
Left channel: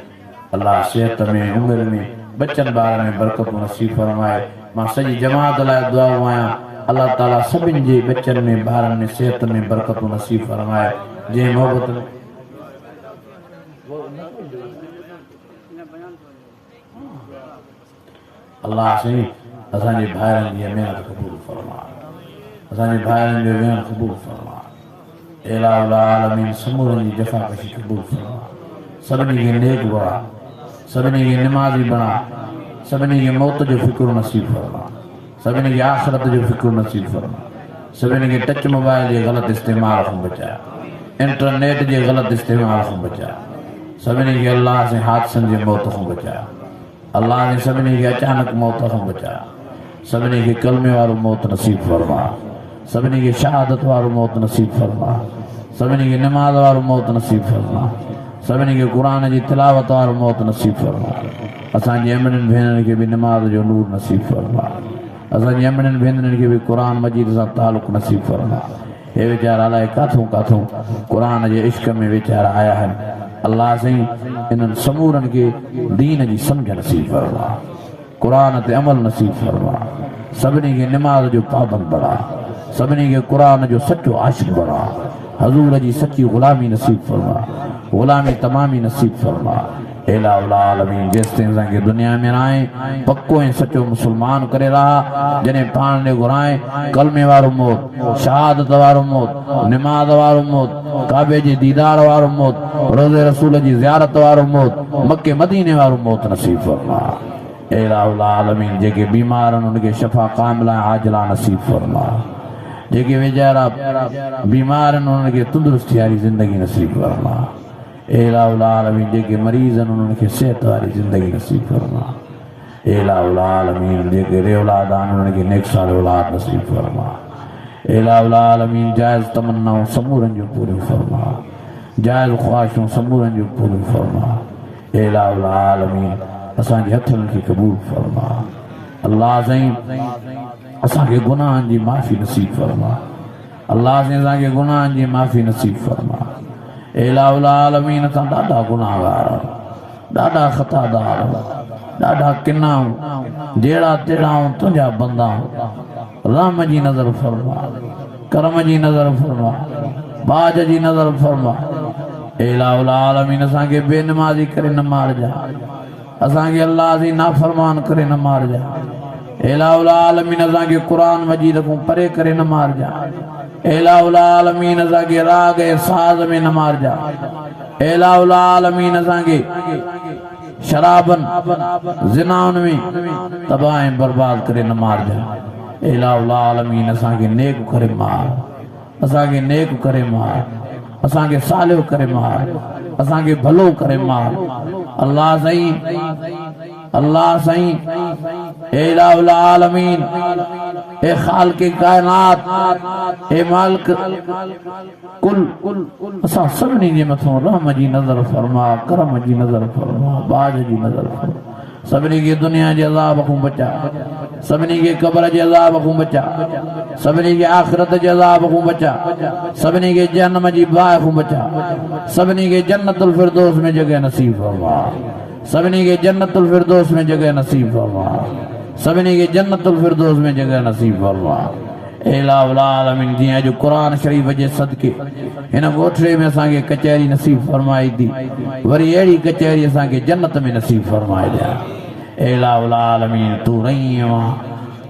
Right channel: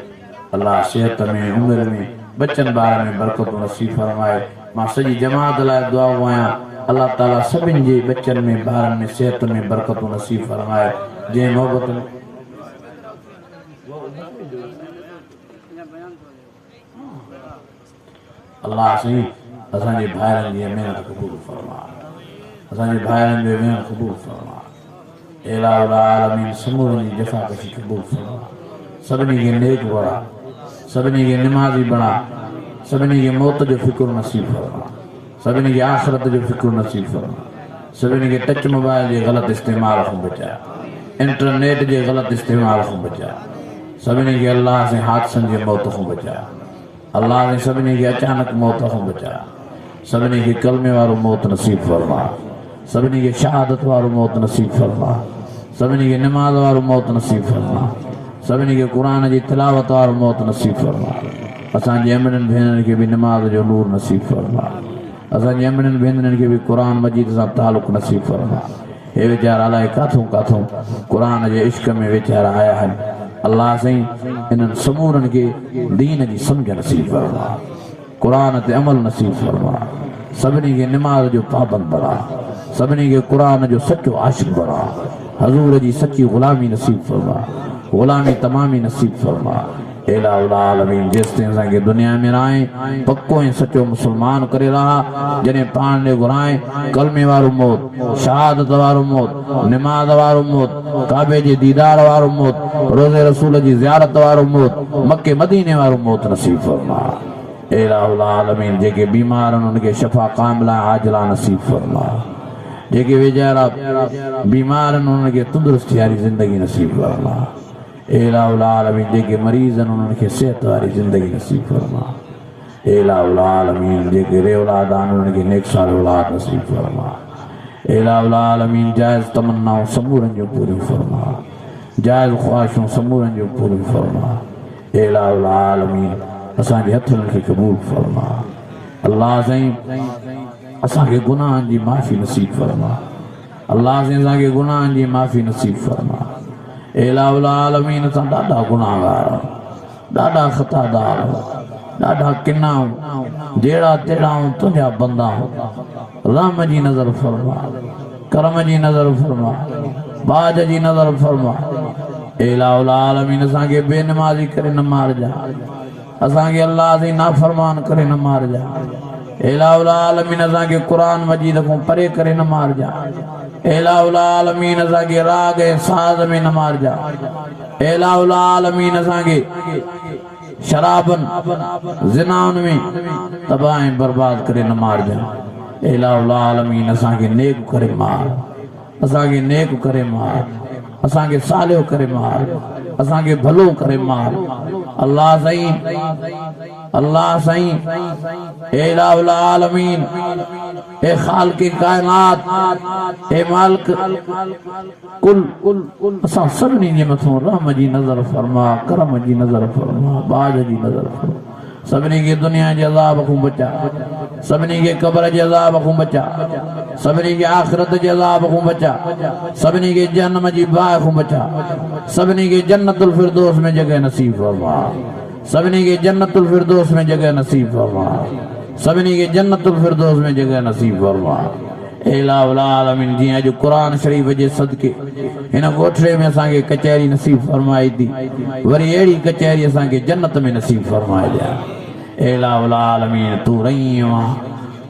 अल्लाह सेहत में, उमिरि में, बचनि ॿार में बरकतूं नसीब फरमाए। मां सॼी जमात लाइ दुआ आहियां, अल्लाह ताला सभिनि जे बचनि में, ॿारनि में, सेहत में बरकतूं नसीब फरमाए। जंहिं मोहबत में अल्लाह साईं असांजे भाइरनि जी महिनत क़बूल फरमा, असांजे भाइरनि जो वेहण क़बूल फरमा, इलाही आलमीन समूरनि जी जफ़ाकशी क़बूल फरमा। सभिनी खे नेक बणा, सभिनी खे निमाज़ी बणा, सभिनी खे मौत जो फिक्र नसीब फरमा, सभिनी खे आख़िरत जो फिक्र नसीब फरमा, सभिनी खे टच मोबाइल जे ग़लति इस्तेमाल खां बचाए, इंटरनेट जे ग़लति इस्तेमाल खां बचाए, सभिनी खे अल्लाह से हादसनि जी मौत खां बचाए, अल्लाह ने सभिनी खे अचानक मौत खां बचाए, सभिनी खे कलमे वारो मौत नसीब फरमा, सभिनी खे शहादत वारो मौत नसीब फरमा, सभिनी खे नमाज़ वारो मौत नसीब फरमा, सभिनी खे क़ुर जी तिलावत वारो मौत नसीब फरमा। असांजे अमड़नि भेनरनि खे बि नमाज़ जो नूर नसीब फरमा, असांजे अमड़नि भेनरनि खे बि क़ुर मजीद सां तालुक़ नसीब फरमा। हे वीचारा अलाए काथूं काथूं क़ुर जे इश्क में वीचारा आया आहिनि। अल्लाह साईं इन्हनि समूरनि खे दीन जी सम्झ नसीब फरमा, क़ुर ते अमल नसीब फरमा, सभिनी खे निमाज़ जो पाबंद बणा, सभिनी खे क़ुर जो सचो आशिक़ बणा, हज़ूर जी सची ग़ुलामी नसीब फरमा, ग़ुलामी तमामी नसीब फरमा। आलमीन जेसिताईं असांखे दुनिया में रहे पक्को ऐं सचो मुस्लमान करे रहा, जॾहिं पाण ॾे घुराए कलमे वारो मौत, शहादत वारो मौत, निमाज़ वारो मौत, काबे जे दीदार वारो मौत, रोज़े रसूल जी ज़ियारत वारो मौत, मके मदीने वारो मौत नसीब फरमा। आलमीन जेके बीमार आहिनि उनखे शफ़ा कामिला आजिला नसीब फरमा, जेके वेचारा बीमार आहिनि उनखे तंदुरुस्ती वारी ज़िंदगी नसीब फरमा। आलमीन जेके मरीज़ आहिनि उन्हनि खे सिहत वारी ज़िंदगी नसीब फरमा। आलमीन जेके औलाद आहिनि उन्हनि खे नेक साल औलाद नसीब फरमा। आलमीन जाइज़ तमन्नाऊं समूरनि जो पूरी फरमा, जाइज़ ख़्वाहिशूं समूरनि जो पूरी फरमा। आलमीन असांजे हथनि खे क़बूल फरमा। अल्लाह साईं असांखे गुनाहनि जी माफ़ी नसीब फरमा, अल्लाह साईं असांखे गुनाहनि जी माफ़ी नसीब फरमा। आलमीन असां ॾाढा गुनाहगार आहियूं, ॾाढा ख़तादार आहियूं, ॾाढा किना आहियूं, जहिड़ा तेड़ा आहियूं तुंहिंजा बंदा आहियूं। रहम जी नज़र फरमा, करम जी नज़र फरमा, बाज जी नज़र फरमा। आलमीन असांखे बेनमाज़ी करे न मारजा, असांखे अल्लाह जी नाफ़रमान करे न मारजा। आलमीन असांखे क़ुर मजीद खां परे करे न मारजा। आलमीन असांखे राग ऐं साज़ में न मारजा। आलमीन असांखे शराबनि ज़िनाउनि में तबाह ऐं बर्बाद करे न मारजा। आलमीन असांखे नेक करे मार, असांखे नेक करे मार, असांखे सालियो करे मार, असांखे भलो करे मार। अल्लाह साईं, अल्लाह साईं आलमीन ए खालिक़े कायनात, ए मालिक कुल असां सभिनी जे मथां रहम जी नज़र फरमा, करम जी नज़र फरमा, बाज जी नज़र फरमा, सभिनी खे दुनिया जे अज़ाब खां बचा, सभिनी खे क़ब्र जे अज़ाब खां बचा, सभिनी खे आख़िरत जे अज़ाब खां बचा, सभिनी खे जहन्नम जी बाहि खां बचा, सभिनी खे जन्नतुल फिरदौस में जगह नसीब फरमा, सभिनी खे जन्नतुल फिरदौस में जगह नसीब फरमा, सभिनी खे जन्नतुल फिरदौस में जगह नसीब फरमा। इलाह उल आलमीन जीअं अॼु क़ुरान शरीफ़ जे सदके हिन ॻोठड़े में असांखे कचहरी नसीब फरमाई थी, वरी अहिड़ी कचहरी असांखे जन्नत में नसीब फरमाए ॾिया। इलाह उल आलमीन तूं रहीम आहे,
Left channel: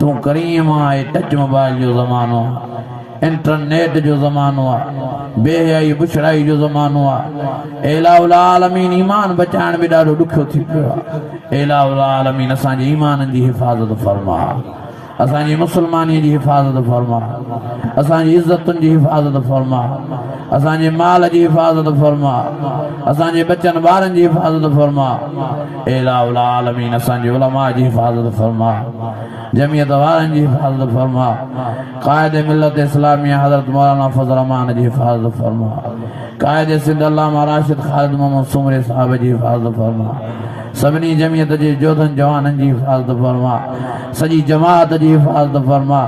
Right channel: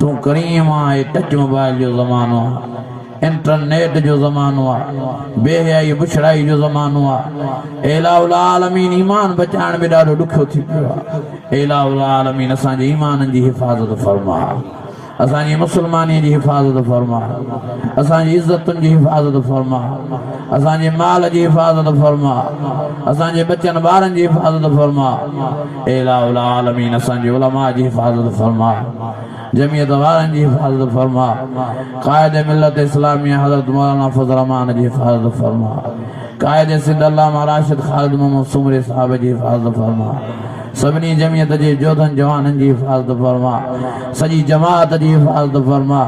तूं करीम आहे। टच मोबाइल जो ज़मानो आहे, इंटरनेट जो ज़मानो आहे, बेहयाई बुछड़ाई जो ज़मानो आहे। इलाह उल आलमीन ईमान बचाइण में ॾाढो ॾुखियो थी पियो आहे। इलाह उल आलमीन असांजे ईमान जी हिफ़ाज़त फरमा, असांजी मुसलमानी जी हिफ़ाज़त फरमा, असांजी इज़तुनि जी हिफ़ाज़त फरमा, असांजे माल जी हिफ़ाज़त फरमा, असांजे बचनि ॿारनि जी हिफ़ाज़त फरमा। इलाह उल आलमीन असांजे उलमा जी हिफ़ाज़त फरमा, जमियत वारनि जी हिफ़ाज़त फरमा, क़ाइद मिलत इस्लामिया हज़रत मौलाना फज़ल रहमान जी हिफ़ाज़त फरमा, क़ाइद सिंध अल्लामा राशिद ख़ालिद मोहम्मद सुमरी साहिब जी हिफ़ाज़त फरमा, सभिनी जमियत जे जोधनि जवाननि जी हिफ़ाज़त फरमा, सॼी जमात जी हिफ़ाज़त फरमा,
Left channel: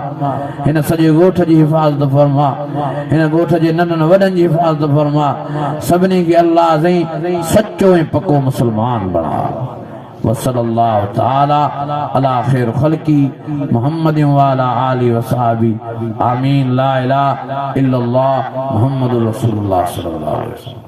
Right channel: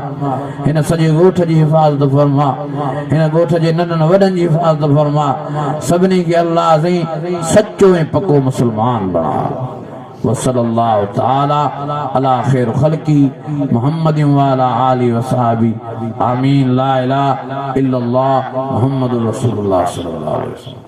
हिन सॼे ॻोठ जी हिफ़ाज़त फरमा, हिन ॻोठ जे नंढनि वॾनि जी हिफ़ाज़त फरमा। सभिनी खे अल्लाह साईं सचो ऐं पको मुस्लमान बणा। वसल्लल्लाहु तआला अला खैर ख़ल्क़ी मुहम्मद व अला आलिहि व सहाबी आमीन। ला इलाहा इल्लल्लाह मुहम्मदुर रसूलुल्लाह सल्लल्लाहु अलैहि वसल्लम।